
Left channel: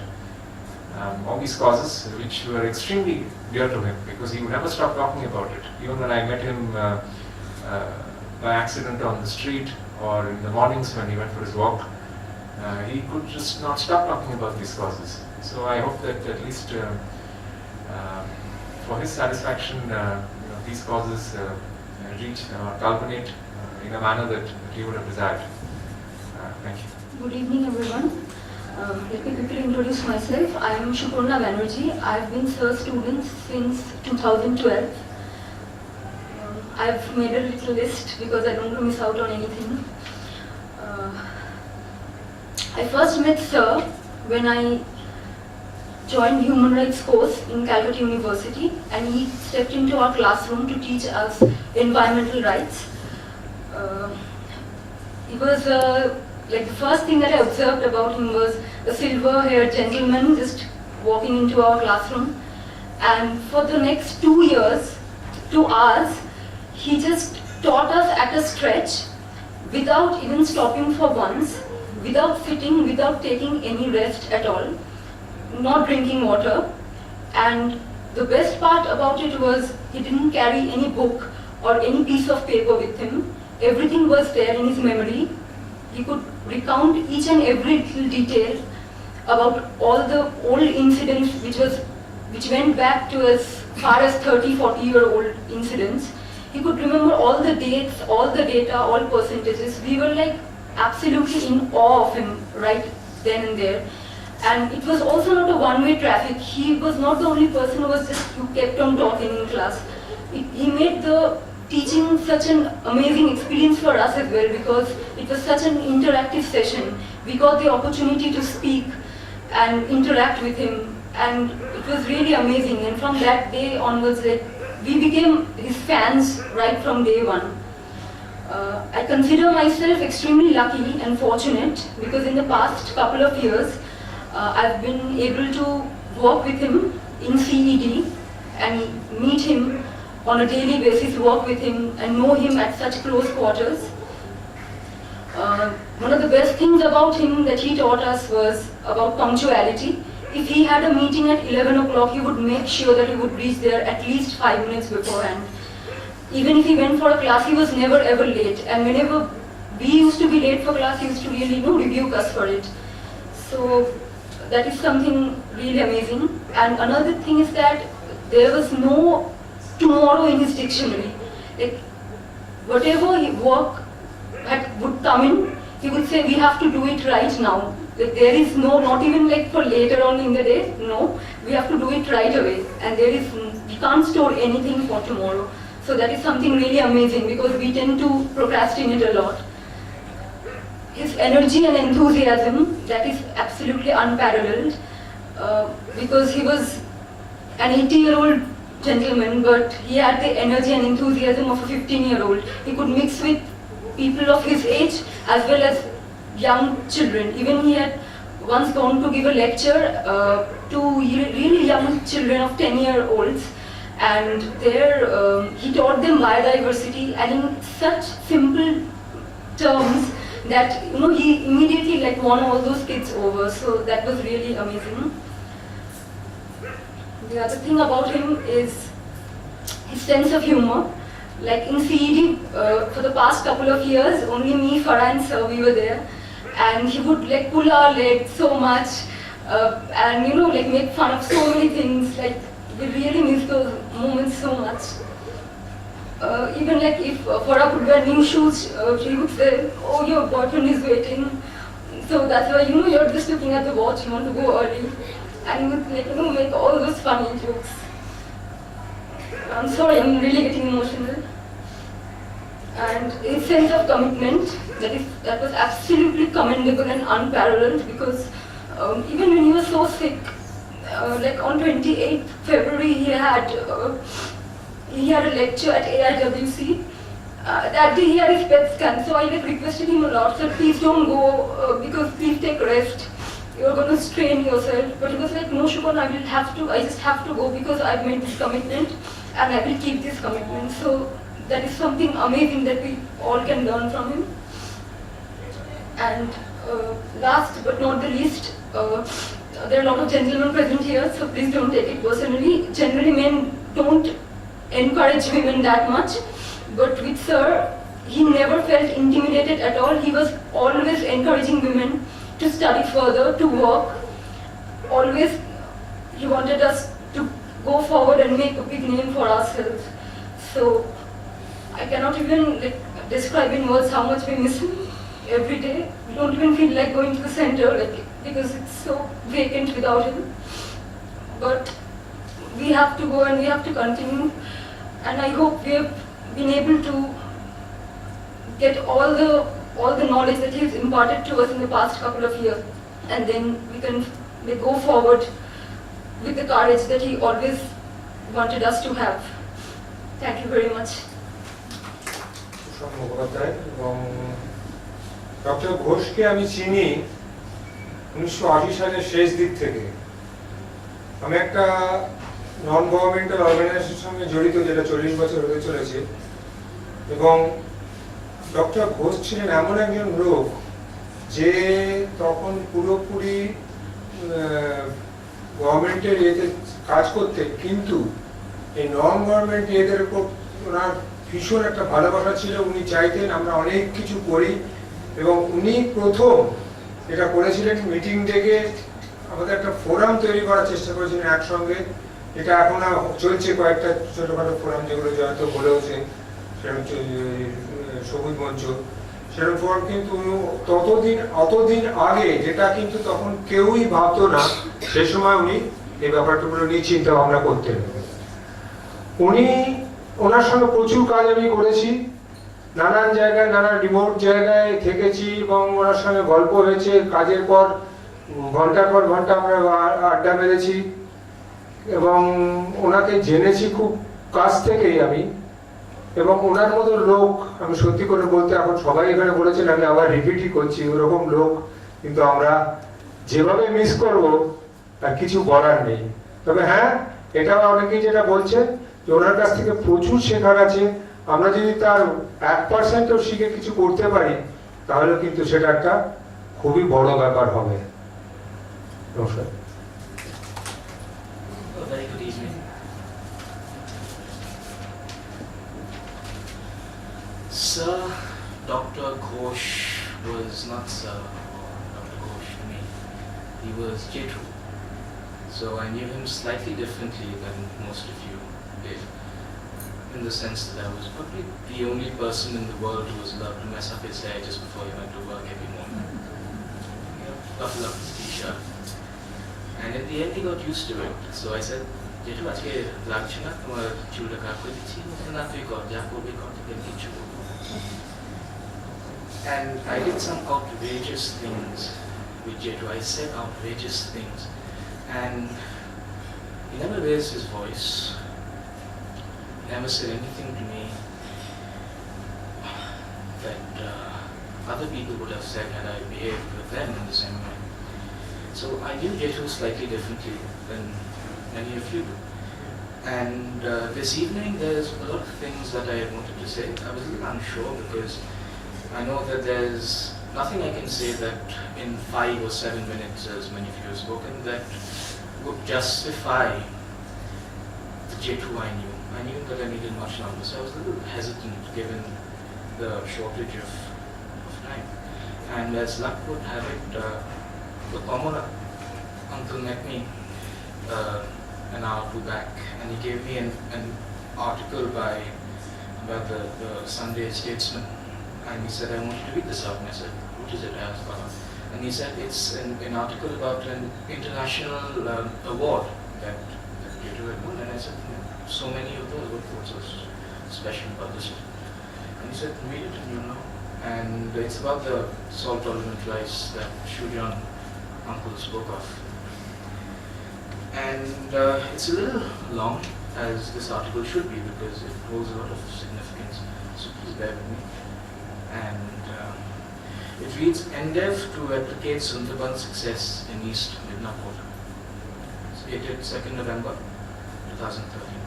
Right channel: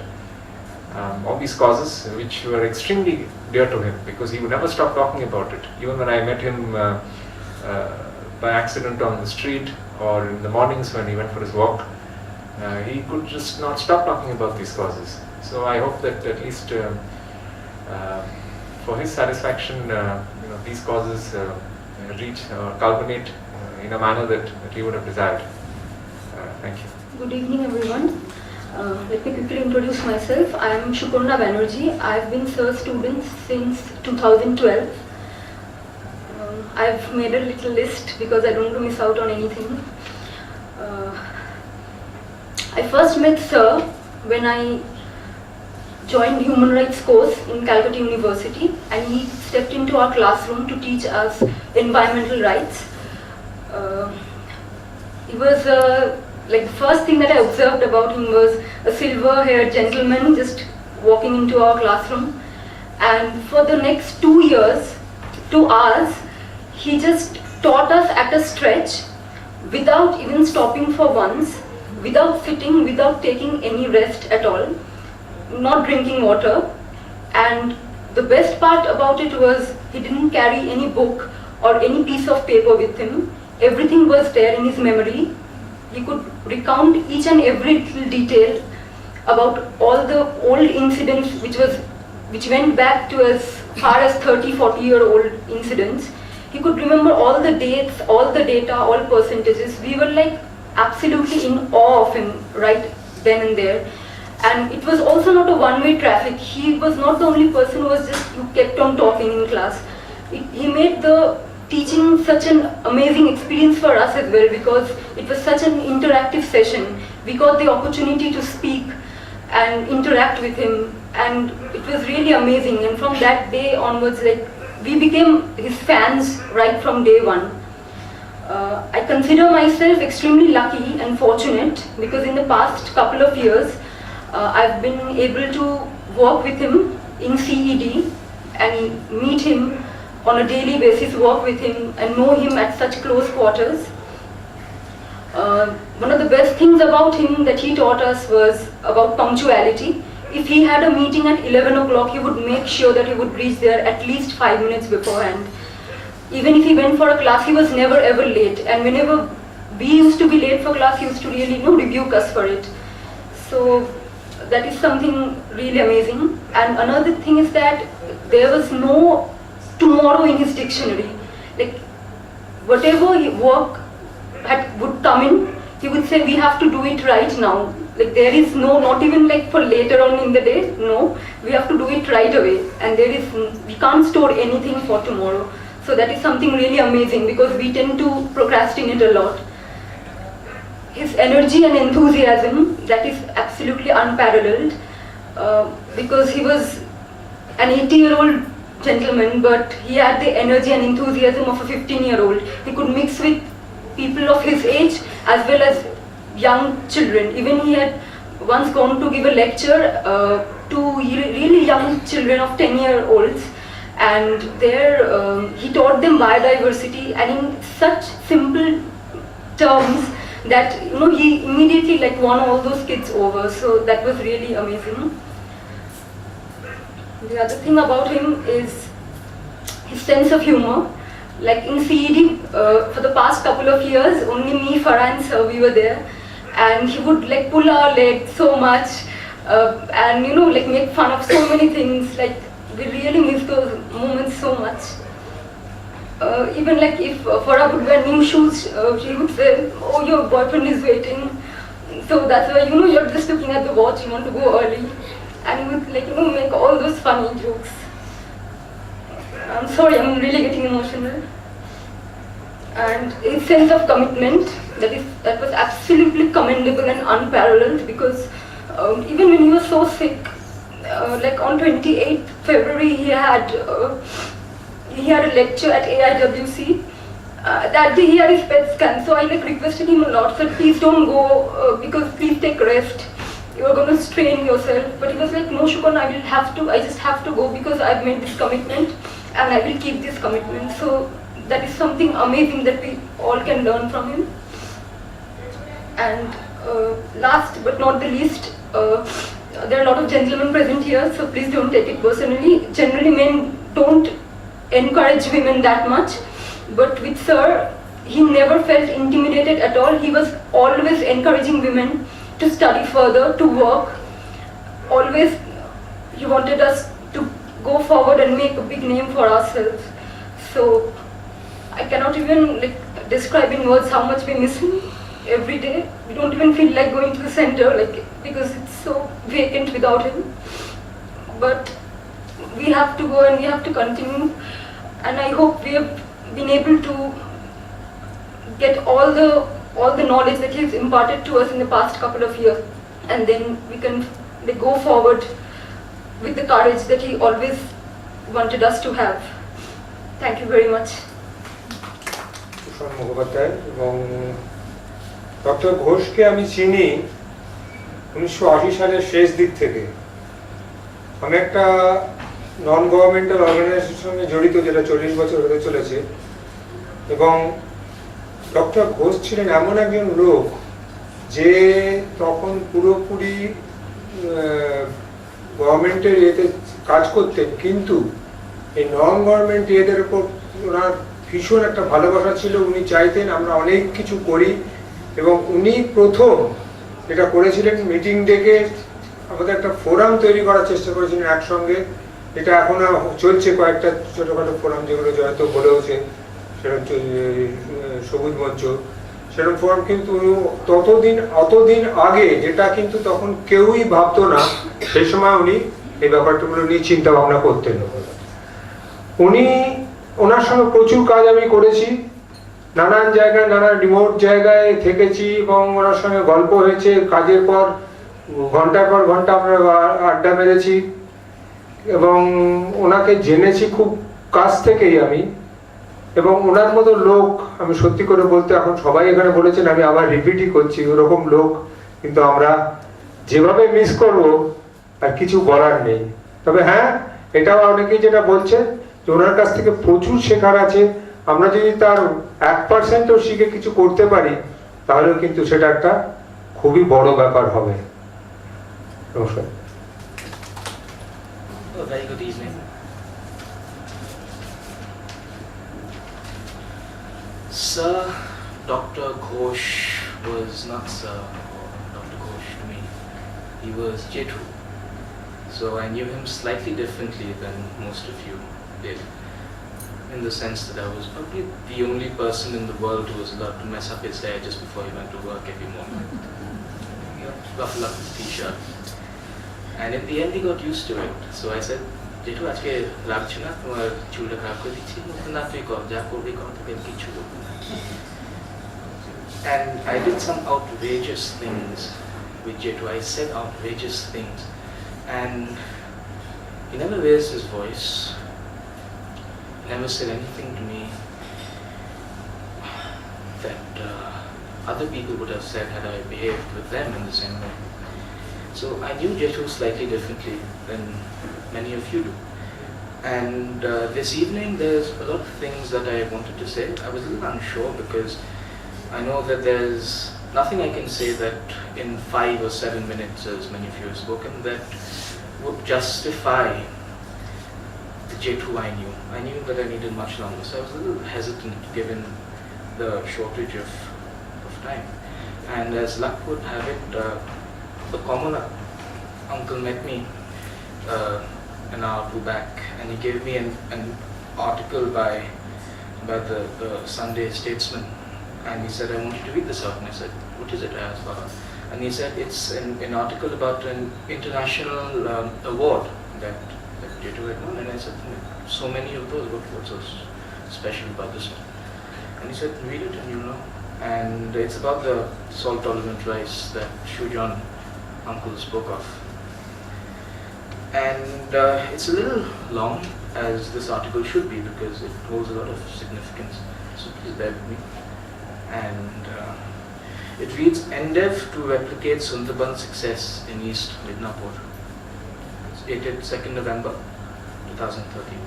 all these causes, which were extremely dear to him, because he would never stop talking about it. Even when I met him by accident on the street, or in the mornings when he went for his walk, he could just not stop talking about these causes. So I hope that at least for his satisfaction, these causes reach or culminate in a manner that he would have desired. Thank you. Good evening, everyone. Let me quickly introduce myself. I am Shukurna Banerjee. I have been Sir student since 2012. I have made a little list because I don't want to miss out on anything. I first met Sir when I joined human rights course in Calcutta University, and he stepped into our classroom to teach us environmental rights. He was like the first thing that I observed about him was a silver-haired gentleman just walking into our classroom, and for the next 2 years, 2 hours, he just taught us at a stretch without even stopping for once, without sitting, without taking any rest at all, not drinking water. And the best part about it was he didn't carry any book or any piece of paper with him. Everything was there in his memory. He could recount each and every little detail about all the old incidents which went back to as far as 30-40-year-old incidents. He could remember all the dates, all the data, all percentages. We were like absolutely in awe of him right then and there. And it was also not a one-way traffic. He was not the only person who kept on talking in class. He made the teaching such an amazing experience for us as well, because it was such an interactive session. We got the opportunity to speak and interact with him, and it was really amazing. And from that day onwards, like, we became his fans right from day one. I consider myself extremely lucky and fortunate because in the past couple of years, I've been able to work with him in CED and meet him on a daily basis, work with him and know him at such close quarters. One of the best things about him that he taught us was about punctuality. If he had a meeting at 11 o'clock, he would make sure that he would reach there at least 5 minutes beforehand. Even if he went for a class, he was never ever late. And whenever we used to be late for class, he used to really rebuke us for it. So that is something really amazing. And another thing is that there was no tomorrow in his dictionary. Like, whatever work would come in, he would say, we have to do it right now. Like, there is no, not even like for later on in the day, no, we have to do it right away. And we can't store anything for tomorrow. So that is something really amazing because we tend to procrastinate a lot. His energy and enthusiasm, that is absolutely unparalleled because he was an 80-year-old gentleman, but he had the energy and enthusiasm of a 15-year-old. He could mix with people of his age as well as young children. Even he had once gone to give a lecture to really young children of 10-year-olds, and there he taught them biodiversity and in such simple terms that he immediately won all those kids over. So that was really amazing. The other thing about him is his sense of humor. Like in CED, for the past couple of years, only me, Farah and Sir, we were there, and he would pull our leg so much, and make fun of so many things. We really miss those moments so much. Even if Farah would wear new shoes, she would say, "Oh, your boyfriend is waiting." So that's why you're just looking at the watch, you want to go early, and he would make all those funny jokes. I'm sorry, I'm really getting emotional. And his sense of commitment, that was absolutely commendable and unparalleled, because even when he was so sick, like on 28th February he had a lecture at AIWC. That day he had his PET scan, so I like requested him a lot, so please don't go, because please take rest. You are going to strain yourself. But he was like, no Shubhan, I just have to go because I've made this commitment and I will keep this commitment. So that is something amazing that we all can learn from him. And last but not the least, there are a lot of gentlemen present here, so please don't take it personally. Generally men don't encourage women that much, but with Sir, he never felt intimidated at all. He was always encouraging women to study further, to work. Always he wanted us to go forward and make a big name for ourselves. So I cannot even describe in words how much we miss him every day. We don't even feel like going to the center because it's so vacant without him. But we have to go and we have to continue, and I hope we have been able to get all the knowledge that he's imparted to us in the past couple of years, and then we can go forward with the courage that he always wanted us to have. Thank you very much. Doctor ঘোষকে আমি চিনি 1980 সালের শেষ দিক থেকে। আমি একটা নন governmental অর্গানাইজেশনের সঙ্গে জড়িত, যেটা 40 বছর হতে চলেছে, এবং ডক্টর ঘোষ ছিলেন এমন একজন লোক যে তখন পুরোপুরি গভর্নমেন্টের ইয়েতে কাজ করতেন, কিন্তু এই নন গভর্নমেন্ট ইয়েদের উপর ওনার ভীষণ একটা ভালোবাসা ছিল। উনি চাইতেন আমরা অনেক কিছু করি, এবং উনি প্রথম এটা করেছিলেন, মিটিং ডেকে আমাদের একটা ফোরাম তৈরি করার চেষ্টা করেছিলেন একসঙ্গে। এটা এখন চলছে, কয়েকটা ছোটখাটো ফোরাম যেগুলো হয়তো বলেওছেন, সেরকম সবুজ মঞ্চ, সেরকম ফোরাম। কিন্তু অতদিন আগে, যেটা কিন্তু তখন কেউই ভাবতো না, সেই সময় উনি এই ব্যাপারগুলো নিয়ে চিন্তা ভাবনা করতেন। ওনার সঙ্গে প্রচুর কাজ আমি করেছি, নানান জায়গায়, নানান রিমোট জায়গায় থেকেছি, এবং ওনার সঙ্গে গল্প হয়েছে। কাজের পর ঘন্টার পর ঘন্টা আমরা আড্ডা মেরেছি, এবং ওনাকে জেনেছি খুব কাছ থেকেই আমি। এবং ওনার মতো লোক আমি সত্যি করে বলতে, এখন সবাই এখানে বলেছেন, আমি আবার রিপিটই করছি, ওরকম লোক কিন্তু আমরা যেভাবে মিস করব আর কিছু বলার নেই। তবে হ্যাঁ, এটাও অনেকেই যেটা বলছে যে ওনার কাছ থেকে প্রচুর শেখার আছে। আমরা যদি তার 1%ও শিখে কিছু করতে পারি, তাহলে কিন্তু সেটা একটা খুবই বড় ব্যাপার হবে। নমস্কার। Very good evening. Sir Dr. Ghosh was not Sir Dr. Ghosh to me. He was Jethu. So I knew him slightly differently than most of you did, in the sense that I was probably the only person in the world who was allowed to mess up his hair just before he went to work every morning. Ruffle up his t-shirt. And in the end he got used to it. So I said, Jethu, আজকে লাগছে না, তোমার চুলটা খারাপ করে দিচ্ছি, না তুই কর, যা করবি কর, তোকে কিছু দেবো। And I did some outrageous things with Jethu. I said outrageous things, and he never raised his voice. He never said anything to me that other people would have said had I behaved with them in the same way. So I knew Jethu slightly differently than many of you do. And this evening there's a lot of things that I wanted to say. I was a little unsure because I know that there's nothing I can say that in 5 or 7 minutes, as many of you have spoken, that would justify the Jethu I knew. I knew that I needed much longer, so I was a little hesitant given the shortage of time. And as luck would have it, the common uncle met me an hour or two back, and he gave me an article about the Sunday Statesman, and he said, I want you to read this out. And I said, what is it? I asked about it. And he said, it's an article about an international award that Jethu had won. And I said, so many of those, what's so special about this one? And he said, read it and you'll know. and it's about the salt-tolerant rice that Shujan uncle spoke of. And it's a little long, as this article should be, because it holds a lot of significance, so please bear with me. And it reads, Endeavour to replicate Sundarban's success in East Midnapur. It's dated 2nd November 2013.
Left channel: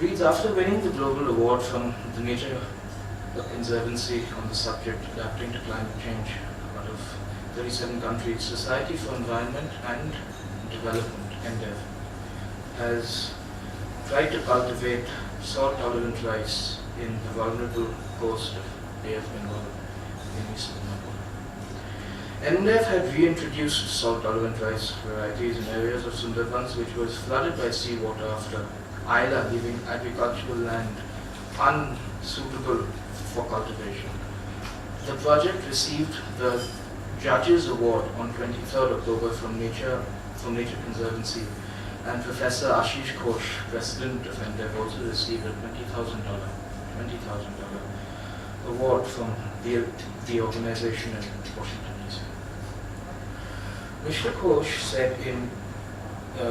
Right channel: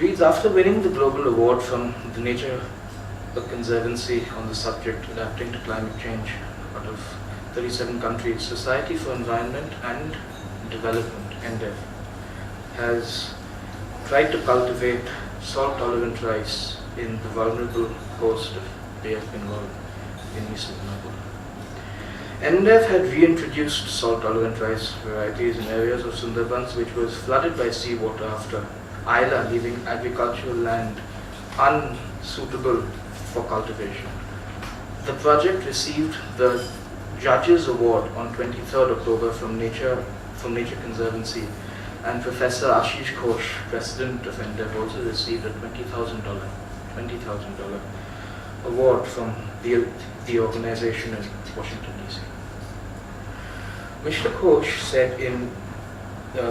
Reads, after winning the global award from the Nature Conservancy on the subject adapting to climate change out of 37 countries, Society for Environment and Development, Endeavour, has tried to cultivate salt-tolerant rice in the vulnerable coast of Bay of Bengal in East Midnapur. Endeavour had reintroduced salt-tolerant rice varieties in areas of Sundarbans which was flooded by seawater after Ayla leaving agricultural land unsuitable for cultivation. The project received the Judges Award on 23rd October from Nature Conservancy, and Professor Asish Ghosh, President of Endeavour, also received a $20,000 award from the organization in Washington, D.C. Mr. Ghosh said in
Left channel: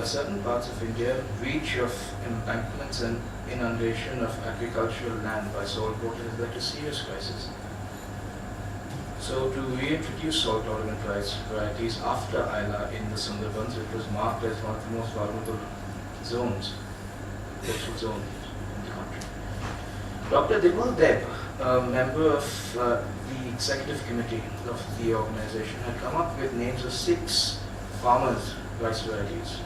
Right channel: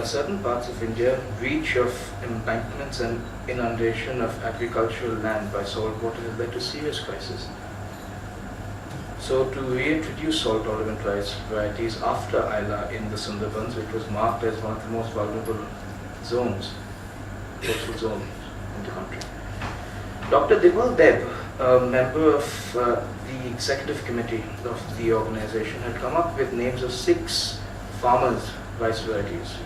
certain parts of India, breach of embankments and inundation of agricultural land by salt water has led to serious crisis. So to reintroduce salt-tolerant rice varieties after Ayla in the Sundarbans, which was marked as one of the most vulnerable zones, coastal zones in the country. Dr. Dibal Deb, a member of the executive committee of the organization, had come up with names of 6 farmers' rice varieties.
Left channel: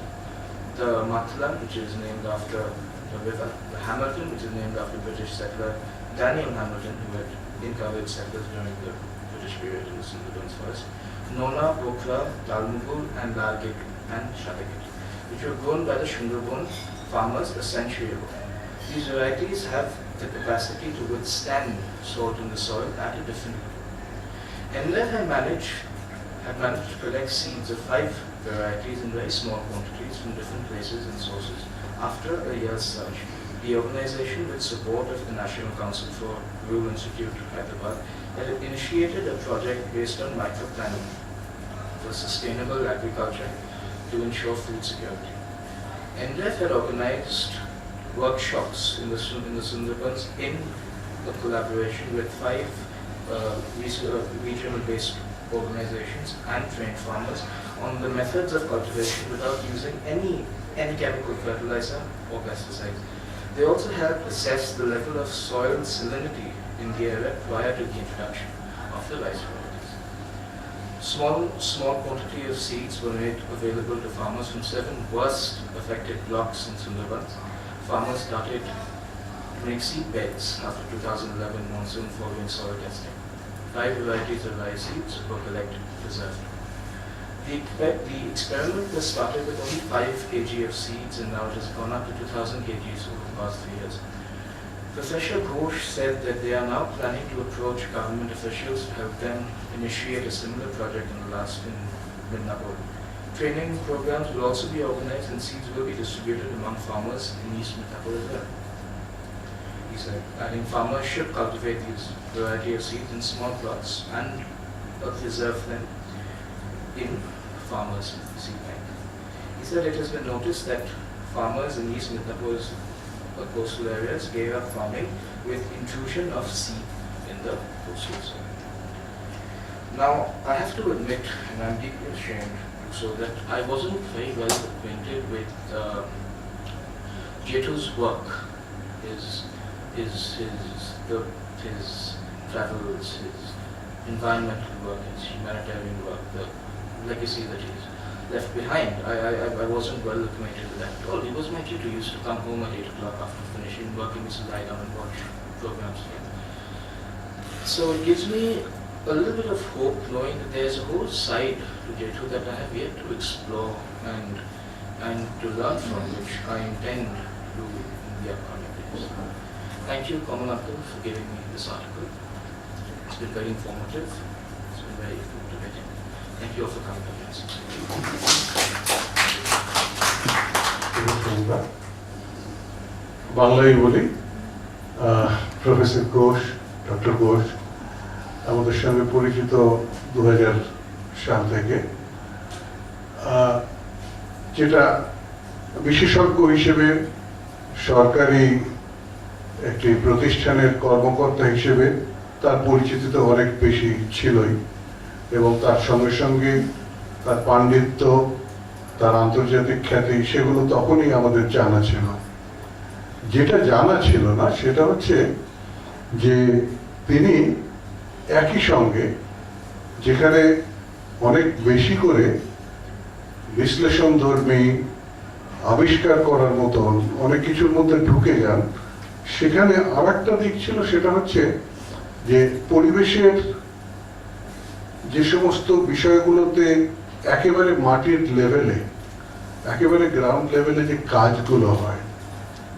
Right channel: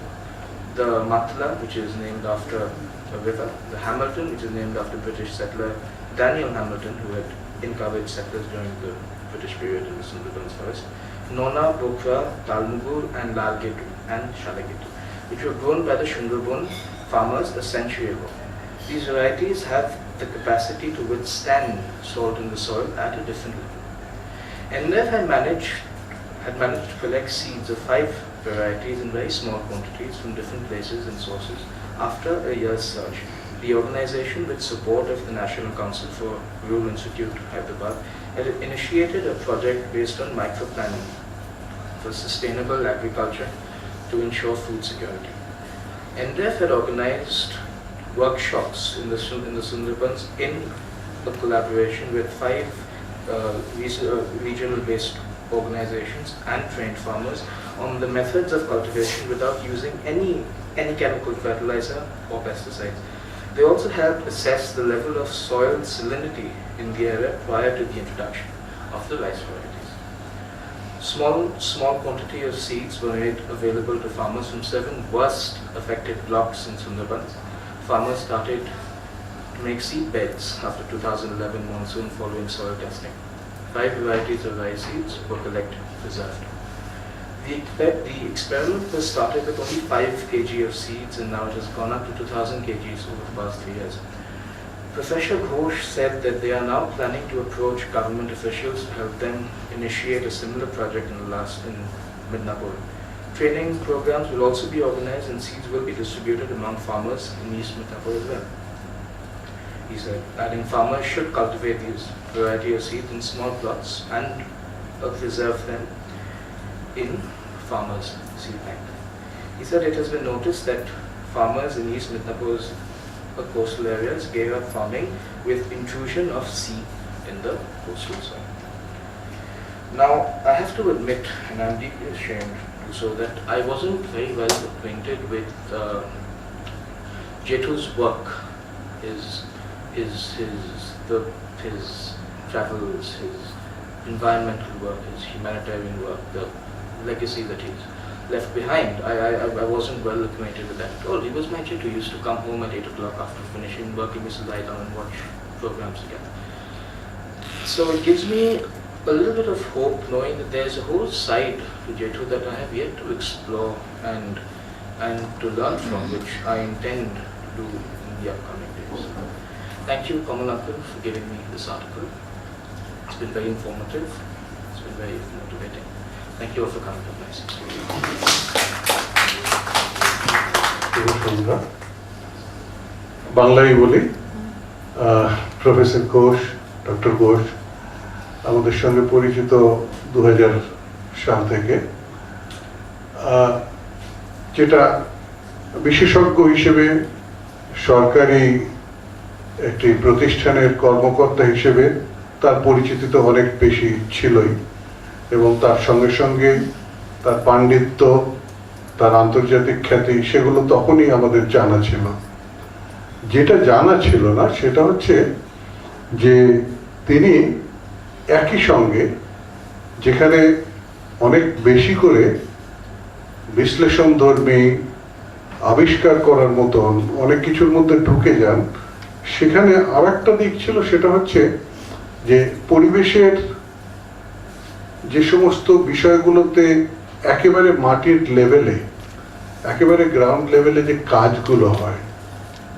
The Matla, which is named after a river, the Hamilton, which is named after British settler Daniel Hamilton, who had uncovered settlers during the British period in the Sundarbans forest, Nona, Bokra, Talmugur, and Lalgetu, and Shalagetu, which were grown by the Sundarban farmers a century ago. These varieties have the capacity to withstand salt in the soil at a different level. Endeavour had managed to collect seeds of 5 varieties in very small quantities from different places and sources. After a year's search, the organization, with support of the National Council for Rural Institute, Hyderabad, had initiated a project based on microplanning for sustainable agriculture to ensure food security. Endeavour had organized workshops in the Sundarbans in the collaboration with 5 regional-based organizations and trained farmers on the methods of cultivation without using any chemical fertilizer or pesticides. They also helped assess the level of soil salinity in the area prior to the introduction of the rice varieties. Small quantity of seeds were made available to farmers from 7 worst affected blocks in Sundarbans. Farmers started to make seed beds after 2011 monsoon following soil testing. 5 varieties of rice seeds were collected and preserved. The experiment was started with only 5 kg of seeds, and now it has gone up to 2,000 kgs over the past 3 years. Professor Ghosh said that they are now planning to approach government officials to help them initiate a similar project in Midnapur. Training programs will also be organized and seeds will be distributed among farmers in East Midnapur as well. He said, adding, farmers should cultivate these variety of seeds in small plots and preserve them in farmers' seed bank. He said it has been noticed that farmers in East Midnapur's coastal areas gave up farming with intrusion of seed in the coastal soil. Now, I have to admit, and I'm deeply ashamed, so that I wasn't very well acquainted with Jetu's work, his travels, his environmental work, his humanitarian work, the legacy that he's left behind. I wasn't well acquainted with that at all. He was my tutor. He used to come home at 8 o'clock after finishing working, Mrs. lie down and watch programs again. So it gives me a little bit of hope knowing that there's a whole side to Jetu that I have yet to explore and to learn from, which I intend to do in the upcoming days. Thank you, Kamal Uncle, for giving me this article. It's been very informative. It's been very motivating. Thank you all for coming to my বাংলায় বলি professor Ghosh, doctor Ghosh আমাদের সঙ্গে পরিচিত 2000 সাল থেকে, যেটা বিশেষজ্ঞ হিসেবে সরকারি একটি প্রতিষ্ঠানের কর্মকর্তা হিসেবে তার পরিচিতি তো অনেক বেশি ছিলই, এবং তার সঙ্গে সঙ্গে তার পাণ্ডিত্য, তার আন্তর্জাতিক খ্যাতি, সেগুলো তখনই আমাদের জানা ছিল। যেটা জানা ছিল না সেটা হচ্ছে যে তিনি একই সঙ্গে যেখানে অনেক বেশি করে বিশ্লেষণধর্মী আবিষ্কার করার মতন অনেক কিছুর মধ্যে ঢুকে যান, সেখানে আর একটা দিক ছিল, সেটা হচ্ছে যে পরিবেশের যে সমস্ত বিষয়গুলোতে একেবারে মাটির লেভেলে, একেবারে গ্রাউন্ড লেভেলে যে কাজগুলো হয়,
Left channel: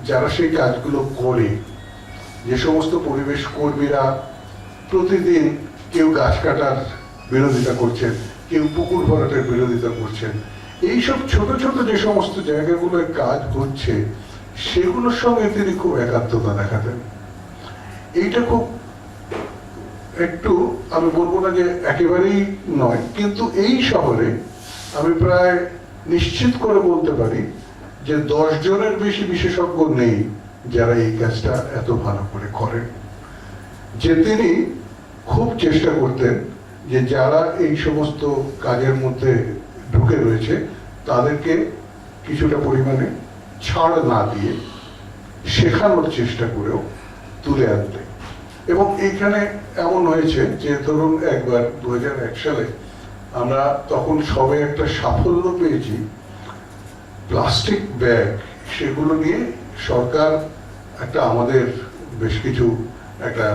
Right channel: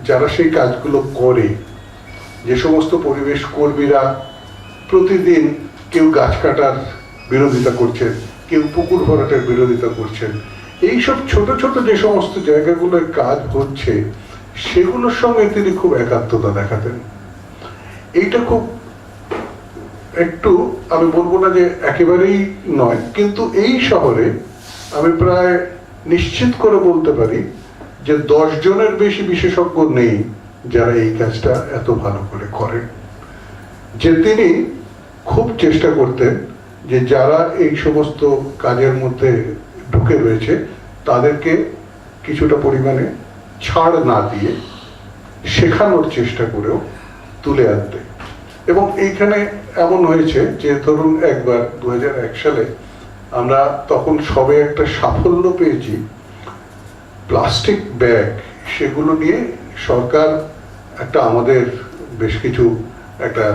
যারা সেই কাজগুলো করে, যে সমস্ত পরিবেশ কর্মীরা প্রতিদিন কেউ গাছ কাটার বিরোধিতা করছেন, কেউ পুকুর ভরাটের বিরোধিতা করছেন, এইসব ছোট ছোট যে সমস্ত জায়গাগুলোয় কাজ হচ্ছে সেগুলোর সঙ্গে তিনি খুব একাত্মতা দেখাতেন। এইটা খুব একটু, আমি বলবো না যে একেবারেই নয়, কিন্তু এই শহরে আমি প্রায় নিশ্চিত করে বলতে পারি যে 10 জনের বেশি বিশেষজ্ঞ নেই যারা এই কাজটা এত ভালো করে করেন। যে তিনি খুব চেষ্টা করতেন যে যারা এই সমস্ত কাজের মধ্যে ঢুকে রয়েছে তাদেরকে কিছুটা পরিমাণে ছাড় না দিয়ে শেখানোর চেষ্টা করেও তুলে আনতে। এবং এইখানে এমন হয়েছে যে ধরুন একবার 2001 সালে আমরা তখন সবে একটা সাফল্য পেয়েছি, প্লাস্টিক ব্যাগ সেগুলো নিয়ে সরকার একটা, আমাদের বেশ কিছু একটা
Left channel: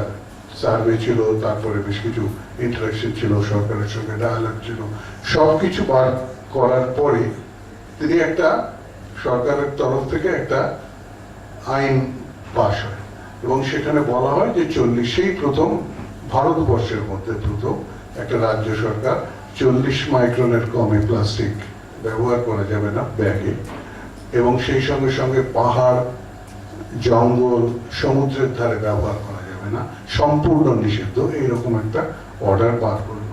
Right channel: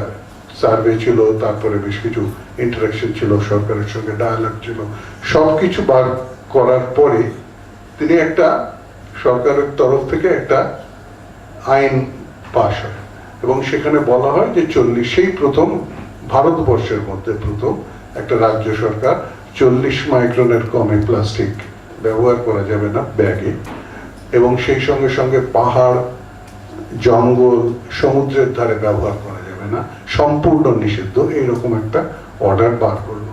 সার্ভে ছিল, তারপরে বেশ কিছু ইন্টারাকশন ছিল, সরকারের সঙ্গে ডায়ালগ ছিল, সব কিছু বার করার পরে তিনি একটা, সরকারের তরফ থেকে একটা আইন পাশ হয় এবং সেখানে বলা হয় যে 40, সেই প্রথম ভারতবর্ষের মধ্যে প্রথম একটা রাজ্য সরকার 40 মাইক্রনের কমে প্লাস্টিক ব্যবহার করা যাবে না ব্যাগে, এবং সেই সঙ্গে সঙ্গে পাহাড়, জঙ্গল, সমুদ্রের ধারে ব্যবহার করা যাবে না, সম্পূর্ণ নিষিদ্ধ, এইরকম একটা অর্ডার বার করলো।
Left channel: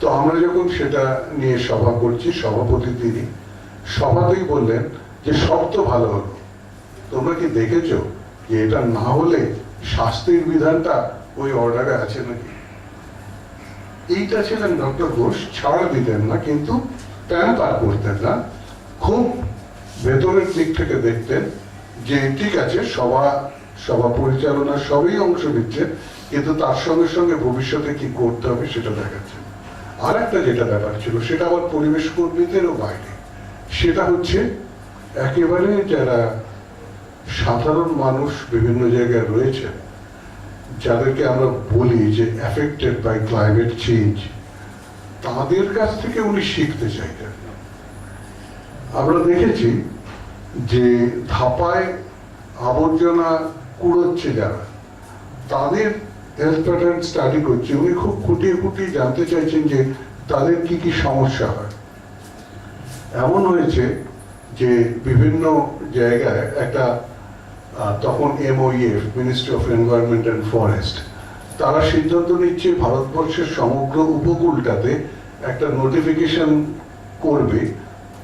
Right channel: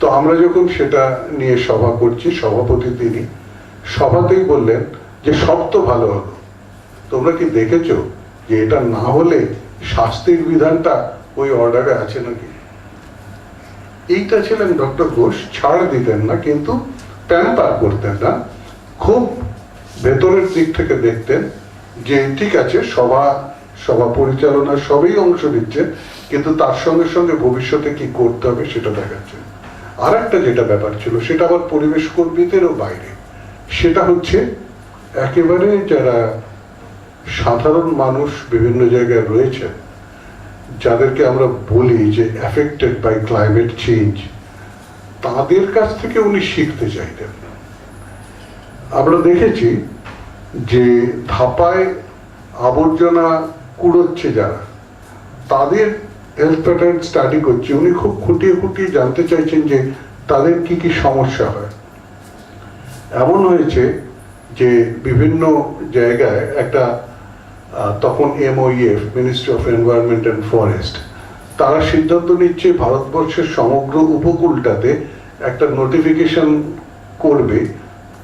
তো আমরা যখন সেটা নিয়ে সভা করছি, সভাপতি তিনি সভাতেই বললেন যে সব তো ভালো হলো, তোমরা কি দেখেছো যে এটা না হলে শাস্তির বিধানটা ওই অর্ডারে আছে নাকি? এইটা ছিলেন ডক্টর ঘোষ, ছাড় দিতেন না কিন্তু প্যাম্পার করতেন না, খুব ভেতরের দিক থেকে দেখতেন যে ঠিক আছে সভা পরিচালনা সবই অংশ নিচ্ছে, কিন্তু তার সঙ্গে সঙ্গে ভবিষ্যতে কি করতে হবে সেটা দেখাচ্ছে। আর একটা যেটা ব্যাপার ছিল সেটা আবার পরিবেশ কর্মীদেরও বাইরে, সেটা হচ্ছে একেবারে যারা সাধারণ মানুষ বিভিন্ন জায়গায় রয়েছে, যাদেরকে আমরা বলি যে অ্যাফেক্টেড বাই ক্লাইমেট চেঞ্জ, তাদের কাছ থেকে উনি শিখতে চাইতেন। আমরা দেখেছি যে ধাপায় আবর্জনা কুড়োচ্ছে যারা, তাদের হেলথ প্যাটার্ন স্টাডি করছে, উনি খুব খুঁটিয়ে খুঁটিয়ে জানতে চাইছেন যে তাদের কি কি সমস্যা হয়। এমন হয়েছে যে বিভিন্ন জায়গায় একটা, তখন MOEF, ministry of environment and forest, তারা সিদ্ধান্ত নিচ্ছে ভারতবর্ষের সমগ্র উপকূলটাতে একটা নোটিফিকেশন করবে,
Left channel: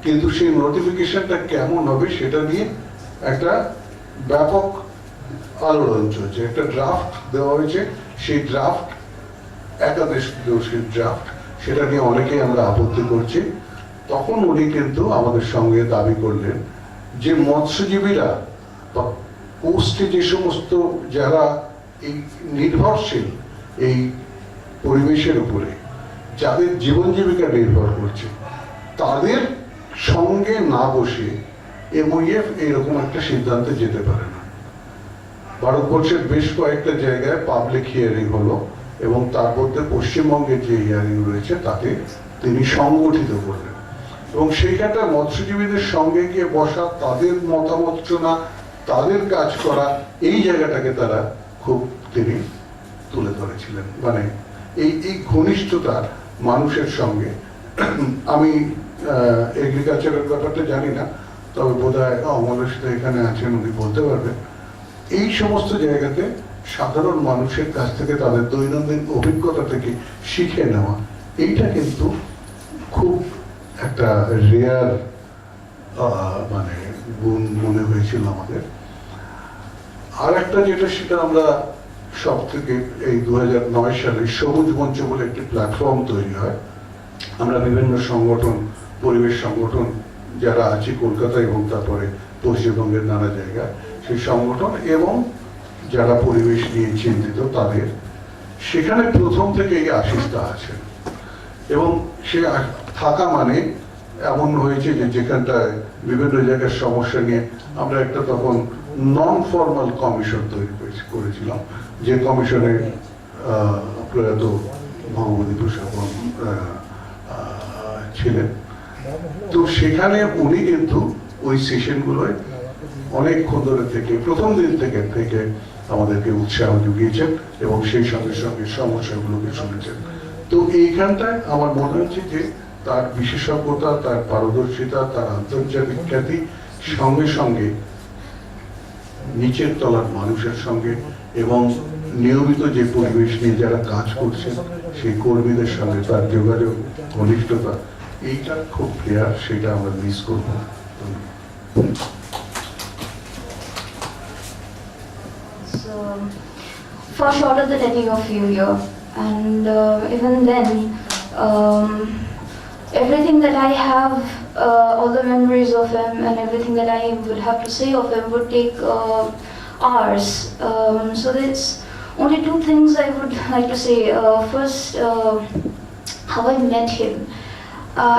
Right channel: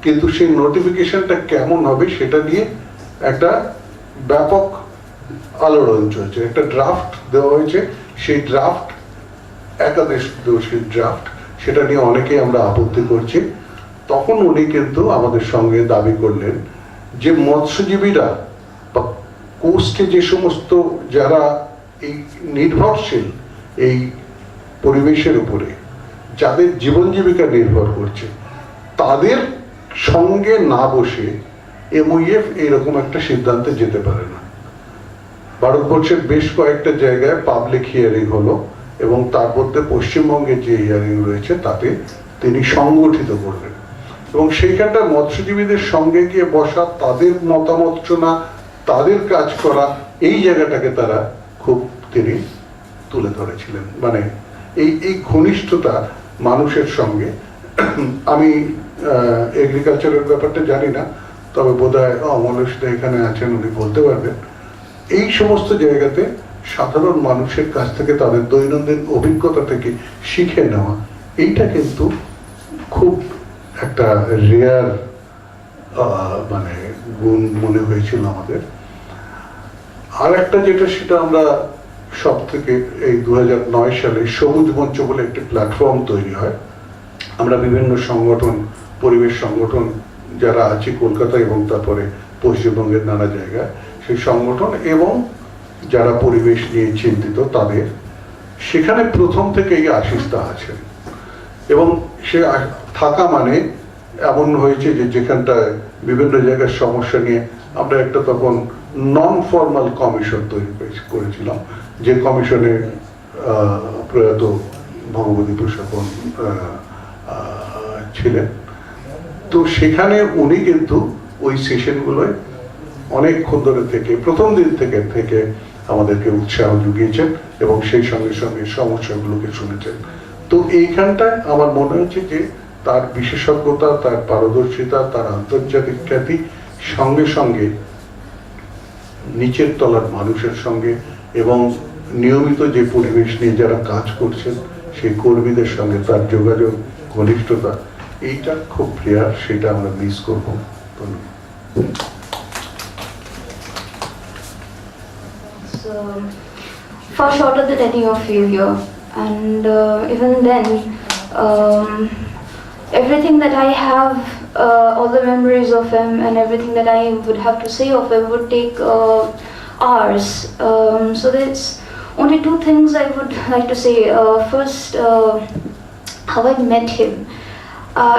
কিন্তু সেই নোটিফিকেশনটা কেমন হবে সেটা নিয়ে একটা ব্যাপক আলোড়ন চলছে। একটা ড্রাফট দেওয়া হয়েছে, সেই ড্রাফট একাদশ দোষীর ড্রাফট, সেটা নিয়ে অনেকেই আমরা আপত্তি করছি। তখন উনি কিন্তু আমাদের সঙ্গে দাবি করলেন যে মৎস্যজীবীরা বা কোস্টে যে সমস্ত যারা এই নির্ভরশীল এই পরিবেশের উপরে, যাদের জীবন জীবিকা নির্ভর করছে, তাদের সঙ্গে না বসে MOEF এরকম একটা সিদ্ধান্তে যেতে পারে না। ভারতবর্ষের বেশ কয়েকটা জায়গায় পাবলিক হিয়ারিং হলো এবং তার মধ্যে পশ্চিমবঙ্গের যে হিয়ারিং রয়েছে তাতে তিনি সংগঠিত করলেন এবং সেইখানটা মৎস্যজীবীদের সঙ্গে গিয়ে বসা, তাদের মতামত শোনা, তাদের কাজ করা, এই জায়গাটাকে তারা খুব তিনি তুলে ধরেছিলেন। মানে এই ঘনিষ্ঠতা মানুষের সঙ্গে। আমি এগ্রিকালচারের ব্যাপারটা জানি না, তবে বোধ হয় অমলেশ এখানে আছেন, উনি বলতে পারবেন। এই সমস্ত জায়গাতে সাধারণ মানুষের কাছ থেকে তাদের দৈনন্দিন অভিজ্ঞতা থেকে শিখে নেওয়া, এইটা কিন্তু খুব একটা রেয়ার মানে গুণ মনে হয়েছিল আমাদের। আর একটা যেটা, সেটা আমরা সব থেকে এই 2009 সালে সবুজ মঞ্চ বলে একটি প্ল্যাটফর্ম তৈরি হয়। আমরা বিভিন্ন সংগঠন, পরিবেশ সংগঠন যারা আছে কলকাতা এবং তারপরে পশ্চিমবঙ্গের নানা জায়গায়, সেই সংগঠন এবং যারা পরিবেশ নিয়ে চিন্তিত তাদের, সেখানে প্রথম থেকেই আশিস দা আছেন এবং সে থাকা মানে এমন হয়েছে যে যেখানটায় বিভিন্ন জায়গার সমস্যা নিয়ে আমরা একটা তখন নন ফর্মাল কমিশন তৈরি করেছিলাম, যে কমিশনে প্রয়াত ভগবতী প্রসাদন ছিলেন। তো সেখানে উনি কিন্তু ওই সেশনগুলোয় অনেকক্ষণ ধরে থেকে প্রথম দিন থেকে আমাদেরকে উৎসাহ জুগিয়েছেন এবং সেই সঙ্গে সঙ্গে সমস্যাগুলোকে শুনেছেন। তো এইখানটায় আমার মনে হচ্ছে যে তার বিশেষজ্ঞতা, তার পারদর্শিতা, তার আন্তর্জাতিক খ্যাতি, সঙ্গে সঙ্গে নিচের তলার মানুষের সঙ্গে এবং নিয়মিত যে পরিবেশ নিয়ে যারা কাজ করছেন সেই কর্মীদের সঙ্গে তার যোগাযোগ, ঘনিষ্ঠতা, এইটা খুব রেয়ার, সেটা আমরা মিস করবো। So, far shorter than any of you here, and even then, everything that I have, all the memories of him and everything that I would have to say of him would take hours. So there's only two things I would like to say. First, how I met him.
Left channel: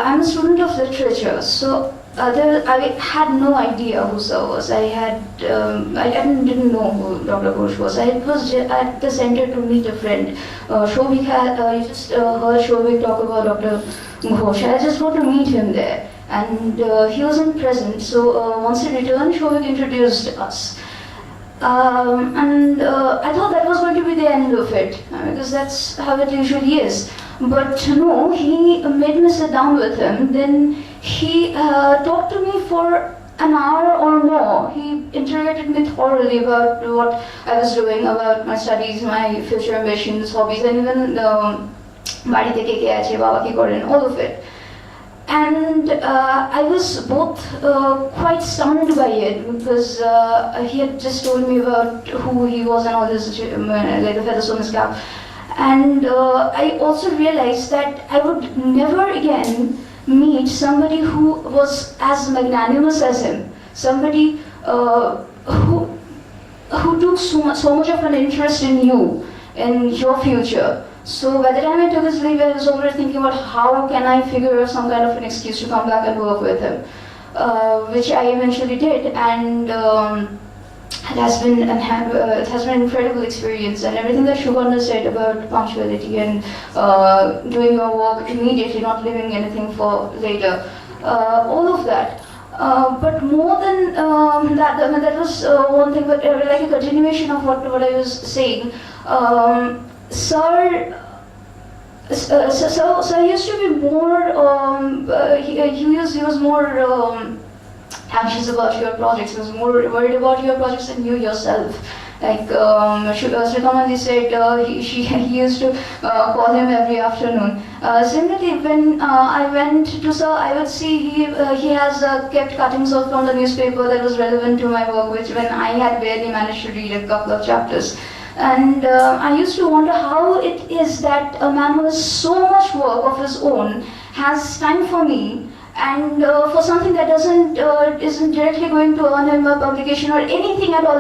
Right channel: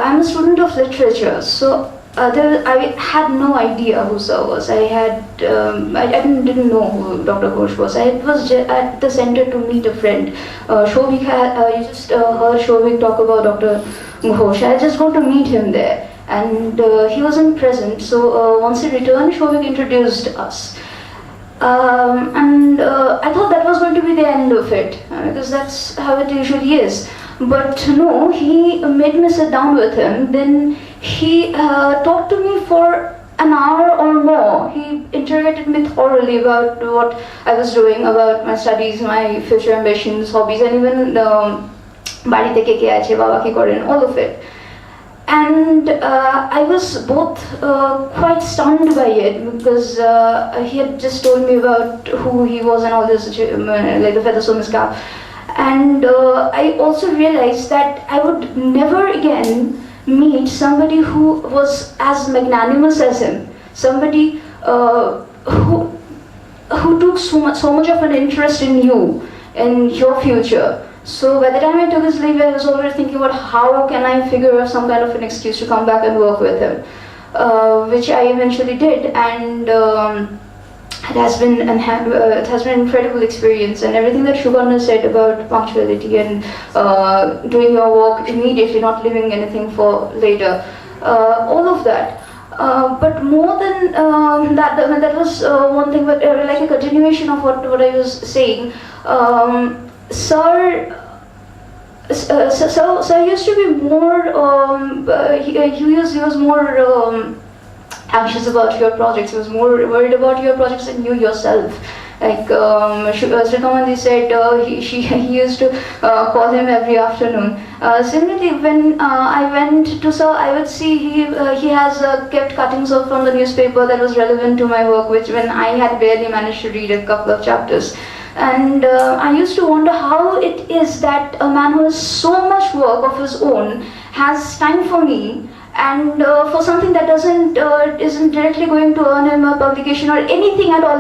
I'm a student of literature, so I had no idea who Sir was. I didn't know who Dr. Ghosh was. I was at the center to meet a friend. Shobik you just heard Shobik talk about Dr. Ghosh. I just got to meet him there, and he wasn't present. So once he returned, Shobik introduced us. And I thought that was going to be the end of it, because that's how it usually is. But no, he made me sit down with him. Then he talked to me for an hour or more. He interrogated me thoroughly about what I was doing, about my studies, my future ambitions, hobbies, and even বাড়িতে কে কে আছে, বাবা কি করেন, all of it. And I was both quite stunned by it, because he had just told me about who he was and all this, like the feathers on his cap. And I also realized that I would never again meet somebody who was as magnanimous as him, somebody who took so much of an interest in you and your future. So by the time I took his leave, I was already thinking about how can I figure out some kind of an excuse to come back and work with him, which I eventually did, and it has been an incredible experience. And everything that Shubhana said about punctuality and doing your work immediately, not leaving anything for later, all of that. But more than that was one thing, but like a continuation of what I was saying. Sir used to be more, he was more anxious about your projects. He was more worried about your projects than you yourself. Like Sri Kamandi said, he used to call him every afternoon. Similarly, when I went to Sir, I would see he has kept cuttings off from the newspaper that was relevant to my work, which when I had barely managed to read a couple of chapters. And I used to wonder how it is that a man who has so much work of his own has time for me, and for something that isn't directly going to earn him a publication or anything at all.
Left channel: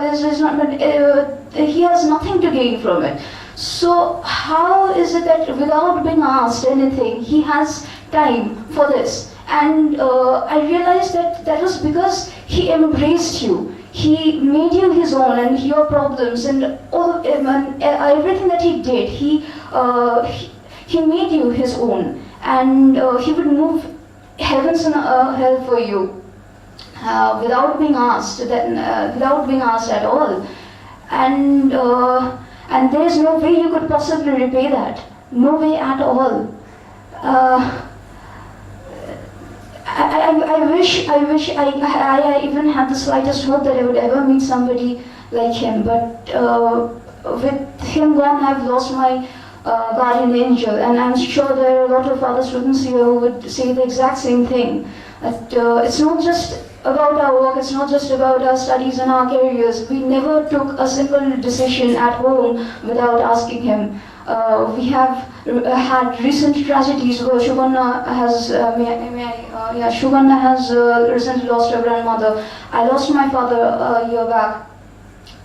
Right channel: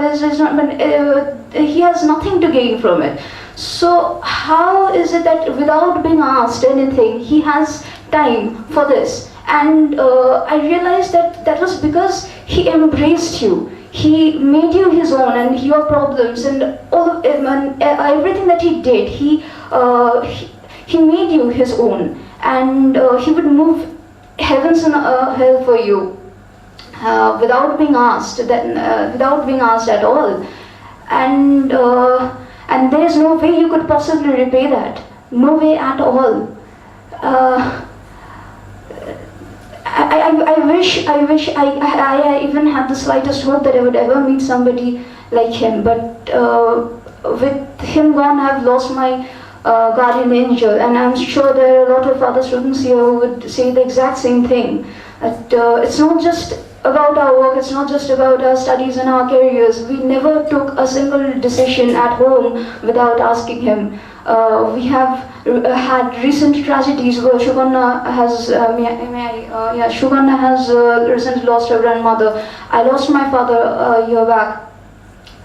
He has nothing to gain from it. So how is it that without being asked anything, he has time for this? And I realized that was because he embraced you. He made you his own, and your problems and all and everything that he did, he made you his own, and he would move heavens and hell for you without being asked, at all. And there is no way you could possibly repay that. No way at all. I wish I even had the slightest hope that I would ever meet somebody like him, but with him gone, I have lost my guardian angel, and I'm sure there are a lot of other students here who would say the exact same thing. That it's not just about our work, it's not just about our studies and our careers. We never took a single decision at home without asking him. We have had recent tragedies where Shugana has, Shugana has recently lost her grandmother. I lost my father a year back.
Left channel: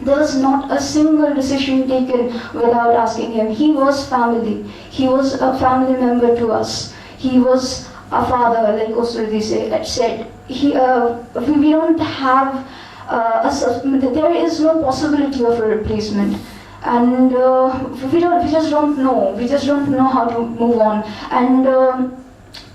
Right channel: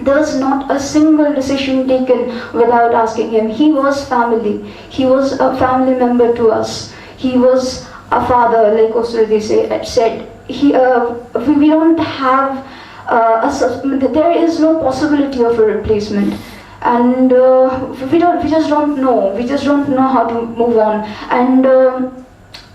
There was not a single decision taken without asking him. He was family. He was a family member to us. He was a father, like Osrudi said. We don't have, there is no possibility of a replacement. And we just don't know. We just don't know how to move on. And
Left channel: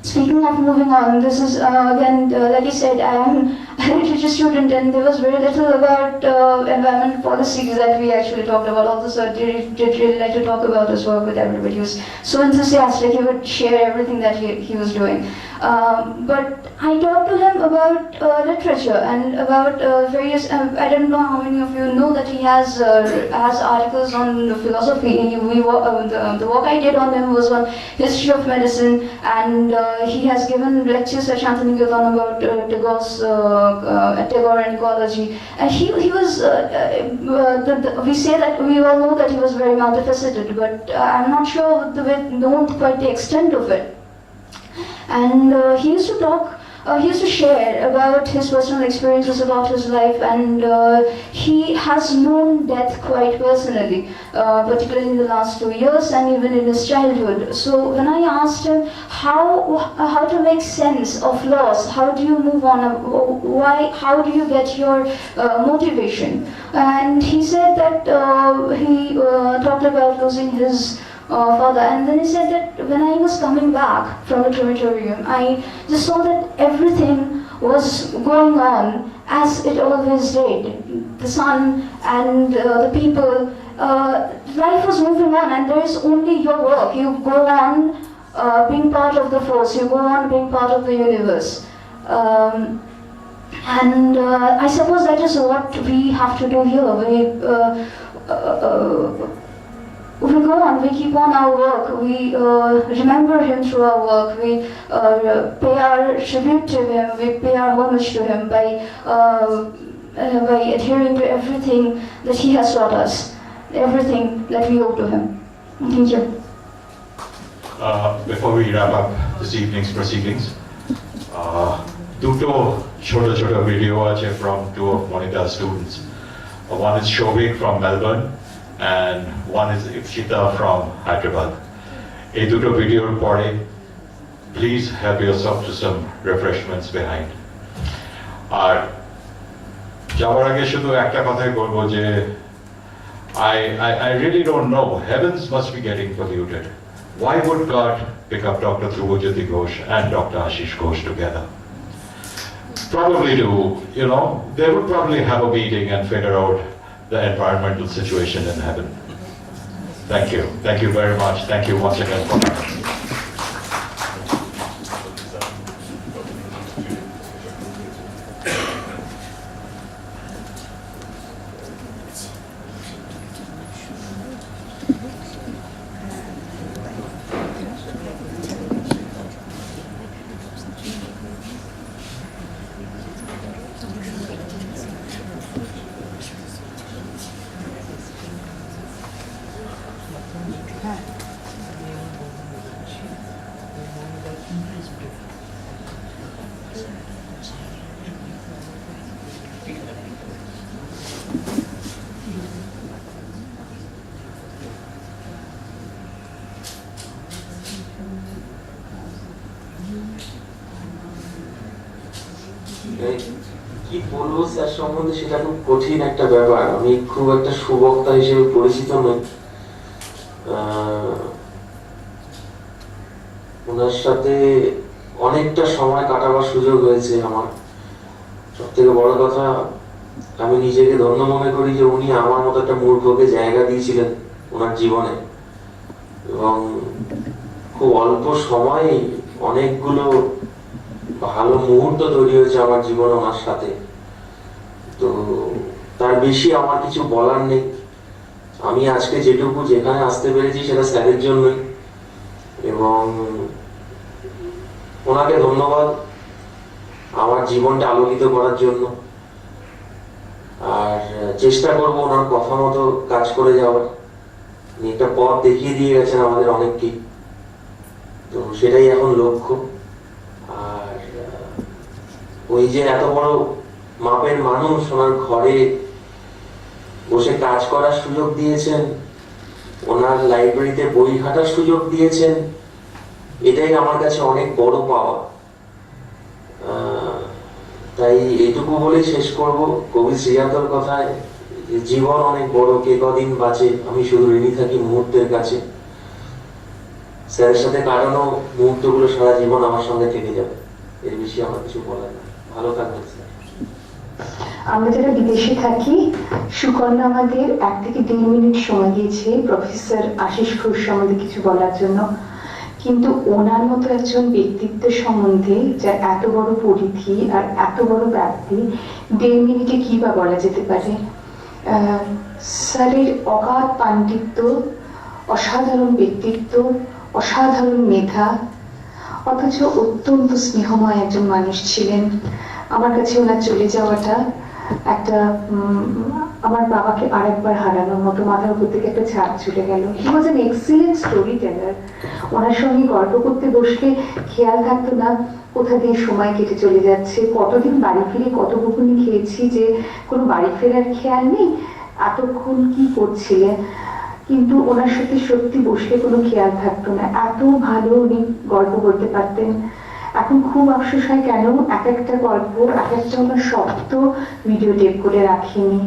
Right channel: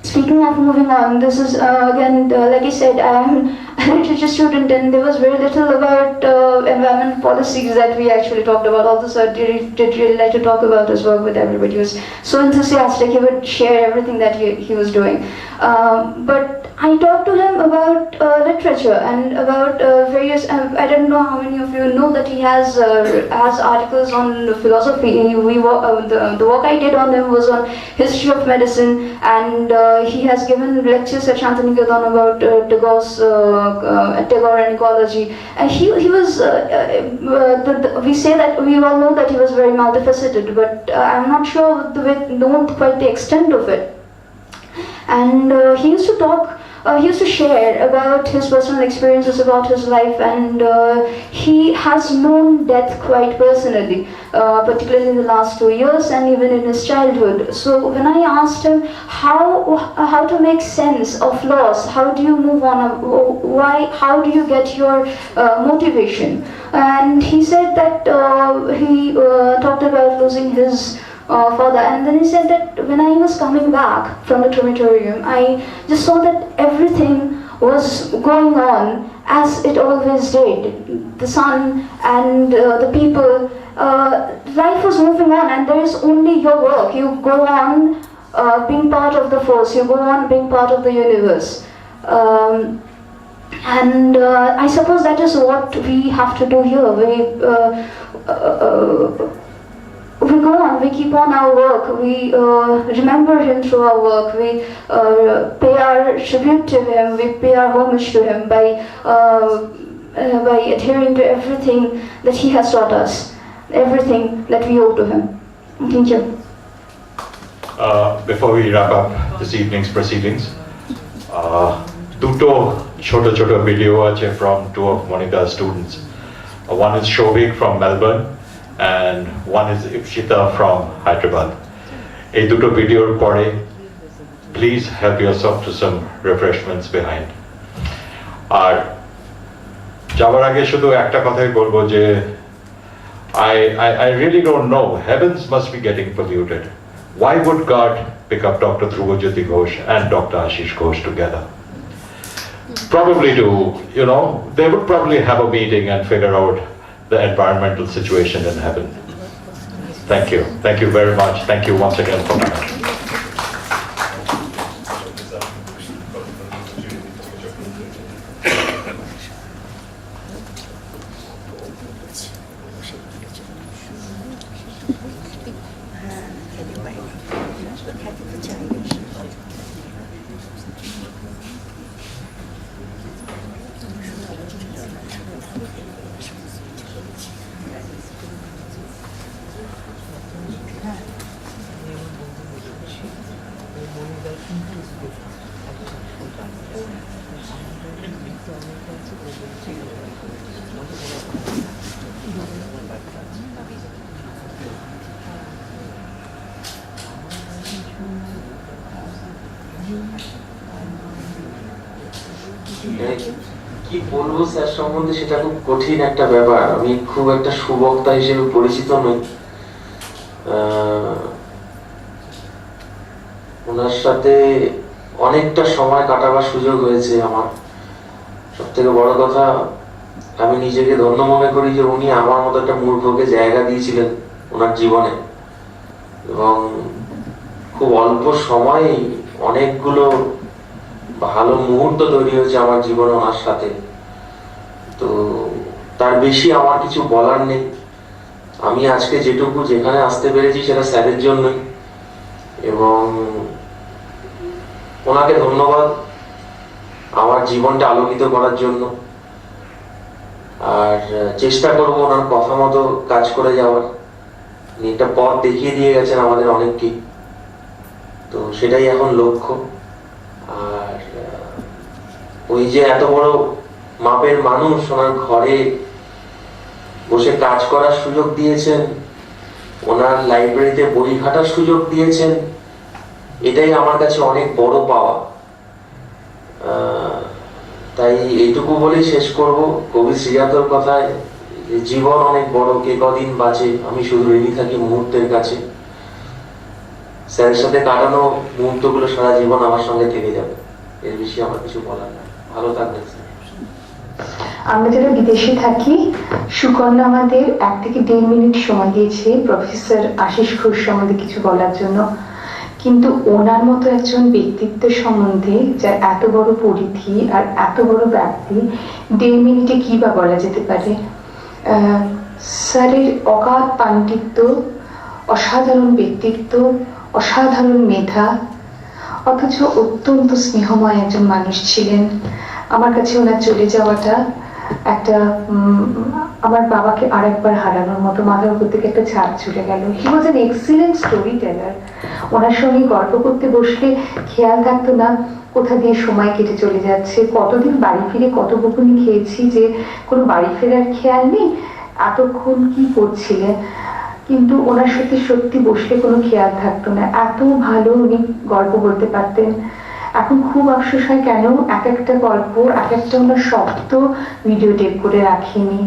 speaking of moving on, this is again, like I said, I am a literature student, and there was very little about environment policies that we actually talked about. Although I did really like to talk about his work with everybody. He was so enthusiastic. He would share everything that he was doing. But I talked to him about literature and about various. I don't know how many of you know that he has articles on philosophy. The work I did on him was on history of medicine, and he has given lectures at Shantiniketan about Tagore and ecology. And he was. We say that we all know that he was very multifaceted, but I'm not sure know quite the extent of it. And he used to talk. He used to share about his personal experiences about his life, and he has known death quite personally, particularly in the last 2 years and even in his childhood. So when I asked him how to make sense of loss, how do you move on, how do you get your motivation? And he said that he talked about losing his father, and then he said that when I was coming back from the crematorium, I just saw that everything was going on as it always did. The sun and the people, life was moving on, and there is only your work. You go on being part of the force, you go on being part of the universe. And I suppose that is what we have to do here. We go on, we keep on our work, we remember him through our work, we pay our tribute to him, we pay our homage to him by adhering to everything that he has taught us, everything that we owe to him. Thank you. Before we wrap up this evening's proceedings, দুটো ছোট ছোট video আছে from two of Monita's students. One is Shobik from Melbourne, and one is Ipshita from Hyderabad. এই দুটো ভিডিওর পরে please help yourself to some refreshments behind. আর যাওয়ার আগে শুধু একটা কথাই বলবো যে I really don't know, heavens must be getting polluted. Why would God pick up Dr. A.K.Ghosh and Dr. Asish Ghosh together? Probably they would probably have a meeting and figure out the environmental situation in heaven. Thank you. Thank you very much. Thank you once again for coming. কি বলবো sir সম্বন্ধে সেটা খুব কঠিন একটা ব্যাপার। আমি খুব একটা সুবক্তা হিসেবে পরিচিত নই। ওনার সাথে অনেকটা সময় কাটাবার সুযোগ হয়েছে আমার। সব থেকে বড় কথা, আমি নিজেকে ধন্য মনে করি যে উনি আমার মতো একটা মূর্খকে জায়গা দিয়েছিলেন ওনার জীবনে, এবং খুব অল্প সময়ে অনেকগুলো ভালো মুহূর্ত তৈরি হয়েছে আমার জীবনে ওনার সাথে। তো তার বেশি আমার কিছু বলার নেই। আমি আজকে যেটুকু যেখানে আসতে পেরেছি সেটা স্যারের জন্যই, এবং ওনাকে ধন্যবাদ আমার জীবনটা আলোকিত করার জন্য। আর চেষ্টা করবো ওনার কথা মতো কাজ করে যাওয়ার। উনি একটা পথ দেখিয়ে দিয়ে গেছেন আমাদের অনেককে, তো সেটাই এখন লক্ষ্য। আর ওই যে এত বড় মাপের মানুষ ওনার ঘরে বসে কাজ করার সুযোগ দিয়েছেন, ওনার লাইব্রেরিতে বই ঘাটার সুযোগ দিয়েছেন, এটাই আমার কাছে অনেক বড় পাওয়া। তাই এইটুকু বলেই শেষ করব। কবি শ্রীজাতর কথায়, জীবন অনেক বড়, কে কদিন বাঁচে, আমি শুধু ঋণী থাকি মুহূর্তের কাছে। স্যারের সাথে কাটানো মুহূর্তগুলো সারা জীবন আমার সঙ্গে থেকে যাবে, এর বেশি আমার কিছু বলার নাই। ভালো থাকবেন স্যার। আমরা যারা বিদেশে থাকি, সুকন্যা আমাদের 1 থেকে 1.5 মিনিট সময় দিয়েছে প্রফেসর আশিস ঘোষ আমাদের কিছু বলার জন্য, কিন্তু ওনার মতো একজন ব্যক্তিত্ব সম্বন্ধে যার এত বড় পরিধি আর এত বড় ব্যাপ্তি, 1.5 মিনিটে কি বা বলা যেতে পারে। স্যারের অগাধ পাণ্ডিত্য, অসাধারণ ব্যক্তিত্ব, অসাধারণ মেধা, অথচ অত্যন্ত স্নেহময় একজন মানুষ ছিলেন। আমার কাছে ওনার চলে যাওয়াটা একটা আমার বাবাকে আরেকবার হারানোর মতো, মাথার উপর থেকে একটা ছাদ চলে গেল। He was an excellent story teller. ওনার সঙ্গে গল্প করতে বসলে খেয়াল থাকতো না কোথা দিয়ে সময় কেটে চলে যাচ্ছে, কতদিন বাড়ি ফিরে কত বকুনি খেয়েছি যে কোনো বাড়ি ফেরার খেয়াল নেই, এতক্ষণ কি করছিলে। কিন্তু ওনার সাথে সত্যি বসলে কোনো খেয়াল থাকতো না, এত ভালো উনি গল্প বলতে পারতেন। এখন খুব আফসোস হয় কেন এক একটা গল্প, এক একটা ওনার শব্দ ভিডিও টেপ করে রাখিনি।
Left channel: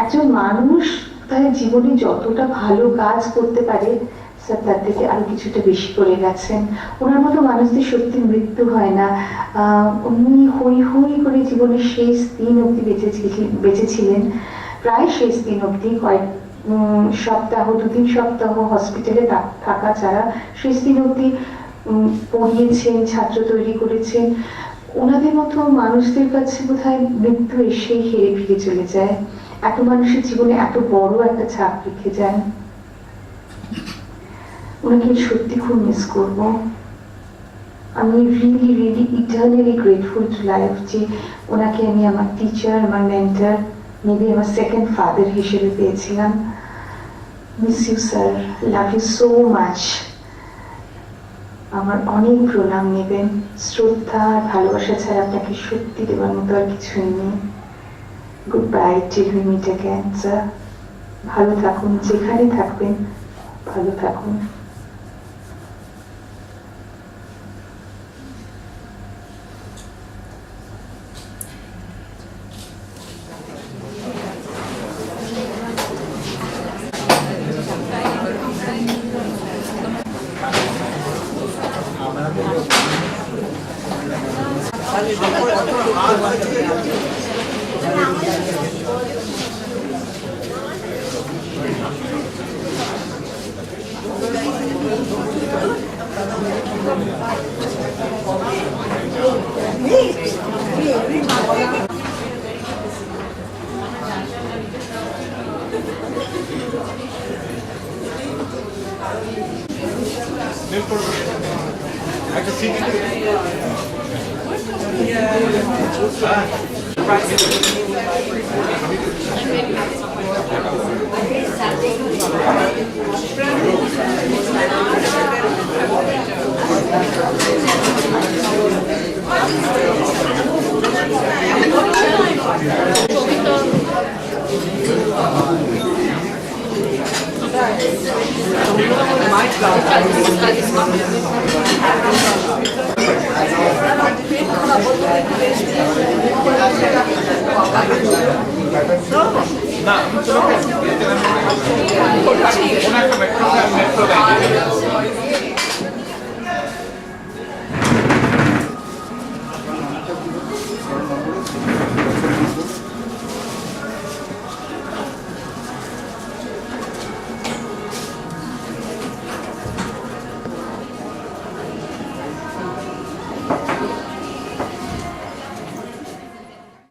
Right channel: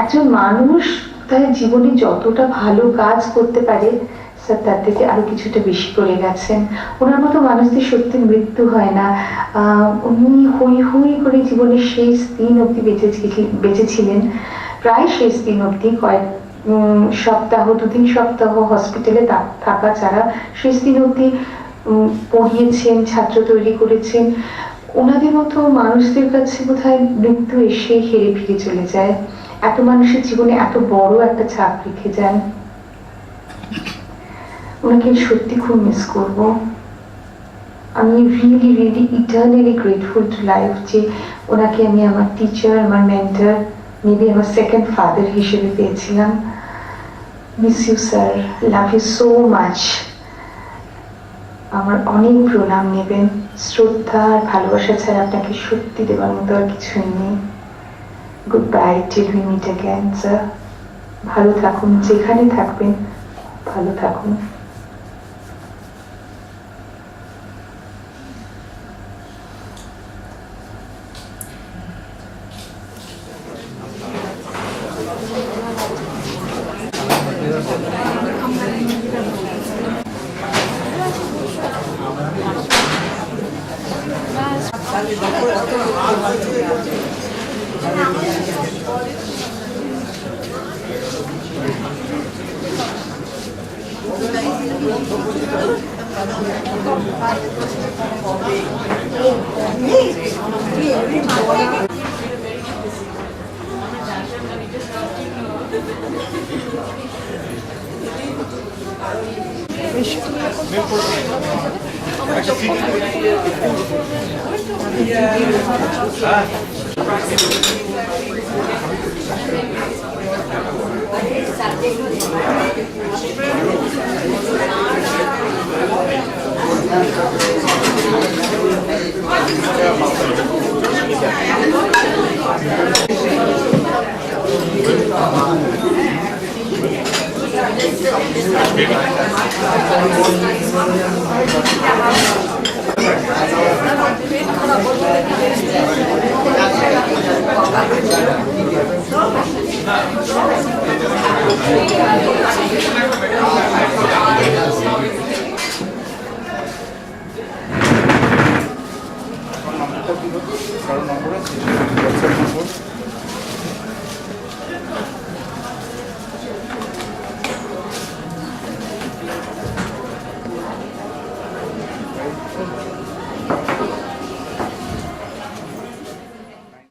একজন মানুষ তার জীবনে যতটা ভালো কাজ করতে পারে, স্যার তার থেকে আরো কিছুটা বেশি করে গেছেন। ওনার মতো মানুষদের সত্যি মৃত্যু হয় না। উনি হই হই করে জীবনের শেষ দিন অবধি বেঁচেছিলেন, প্রায় শেষ দিন অবধি, কয়েক সপ্তাহ 2-3 সপ্তাহ হসপিটালে থাকা ছাড়া শেষ দিন অবধি পড়িয়েছেন, ছাত্র তৈরি করেছেন। ওনাদের মতো মানুষদের কাছে বোধহয় মৃত্যু এসে হেরে ফিরে চলে যায়। এত মানুষের জীবনে এত বড় একটা ছাপ রেখে যান। ওনাকে সত্যি খুব মিস করব। আমি really really eternally grateful to life যে ওনাকে আমি আমার টিচার, আমার মেন্টর, মেবি আমার সেকেন্ড ফাদার হিসেবে পেয়েছিলাম। Miss you sir, love you so much. আমার অনেক প্রণাম নেবেন। শ্রদ্ধা আর ভালোবাসা ছাড়া আপনাকে সত্যি দেওয়ার মতো আর কিছুই নেই। Good bye till we meet again sir. ভালো থাকুন, যেখানে থাকবেন ভালো থাকুন। না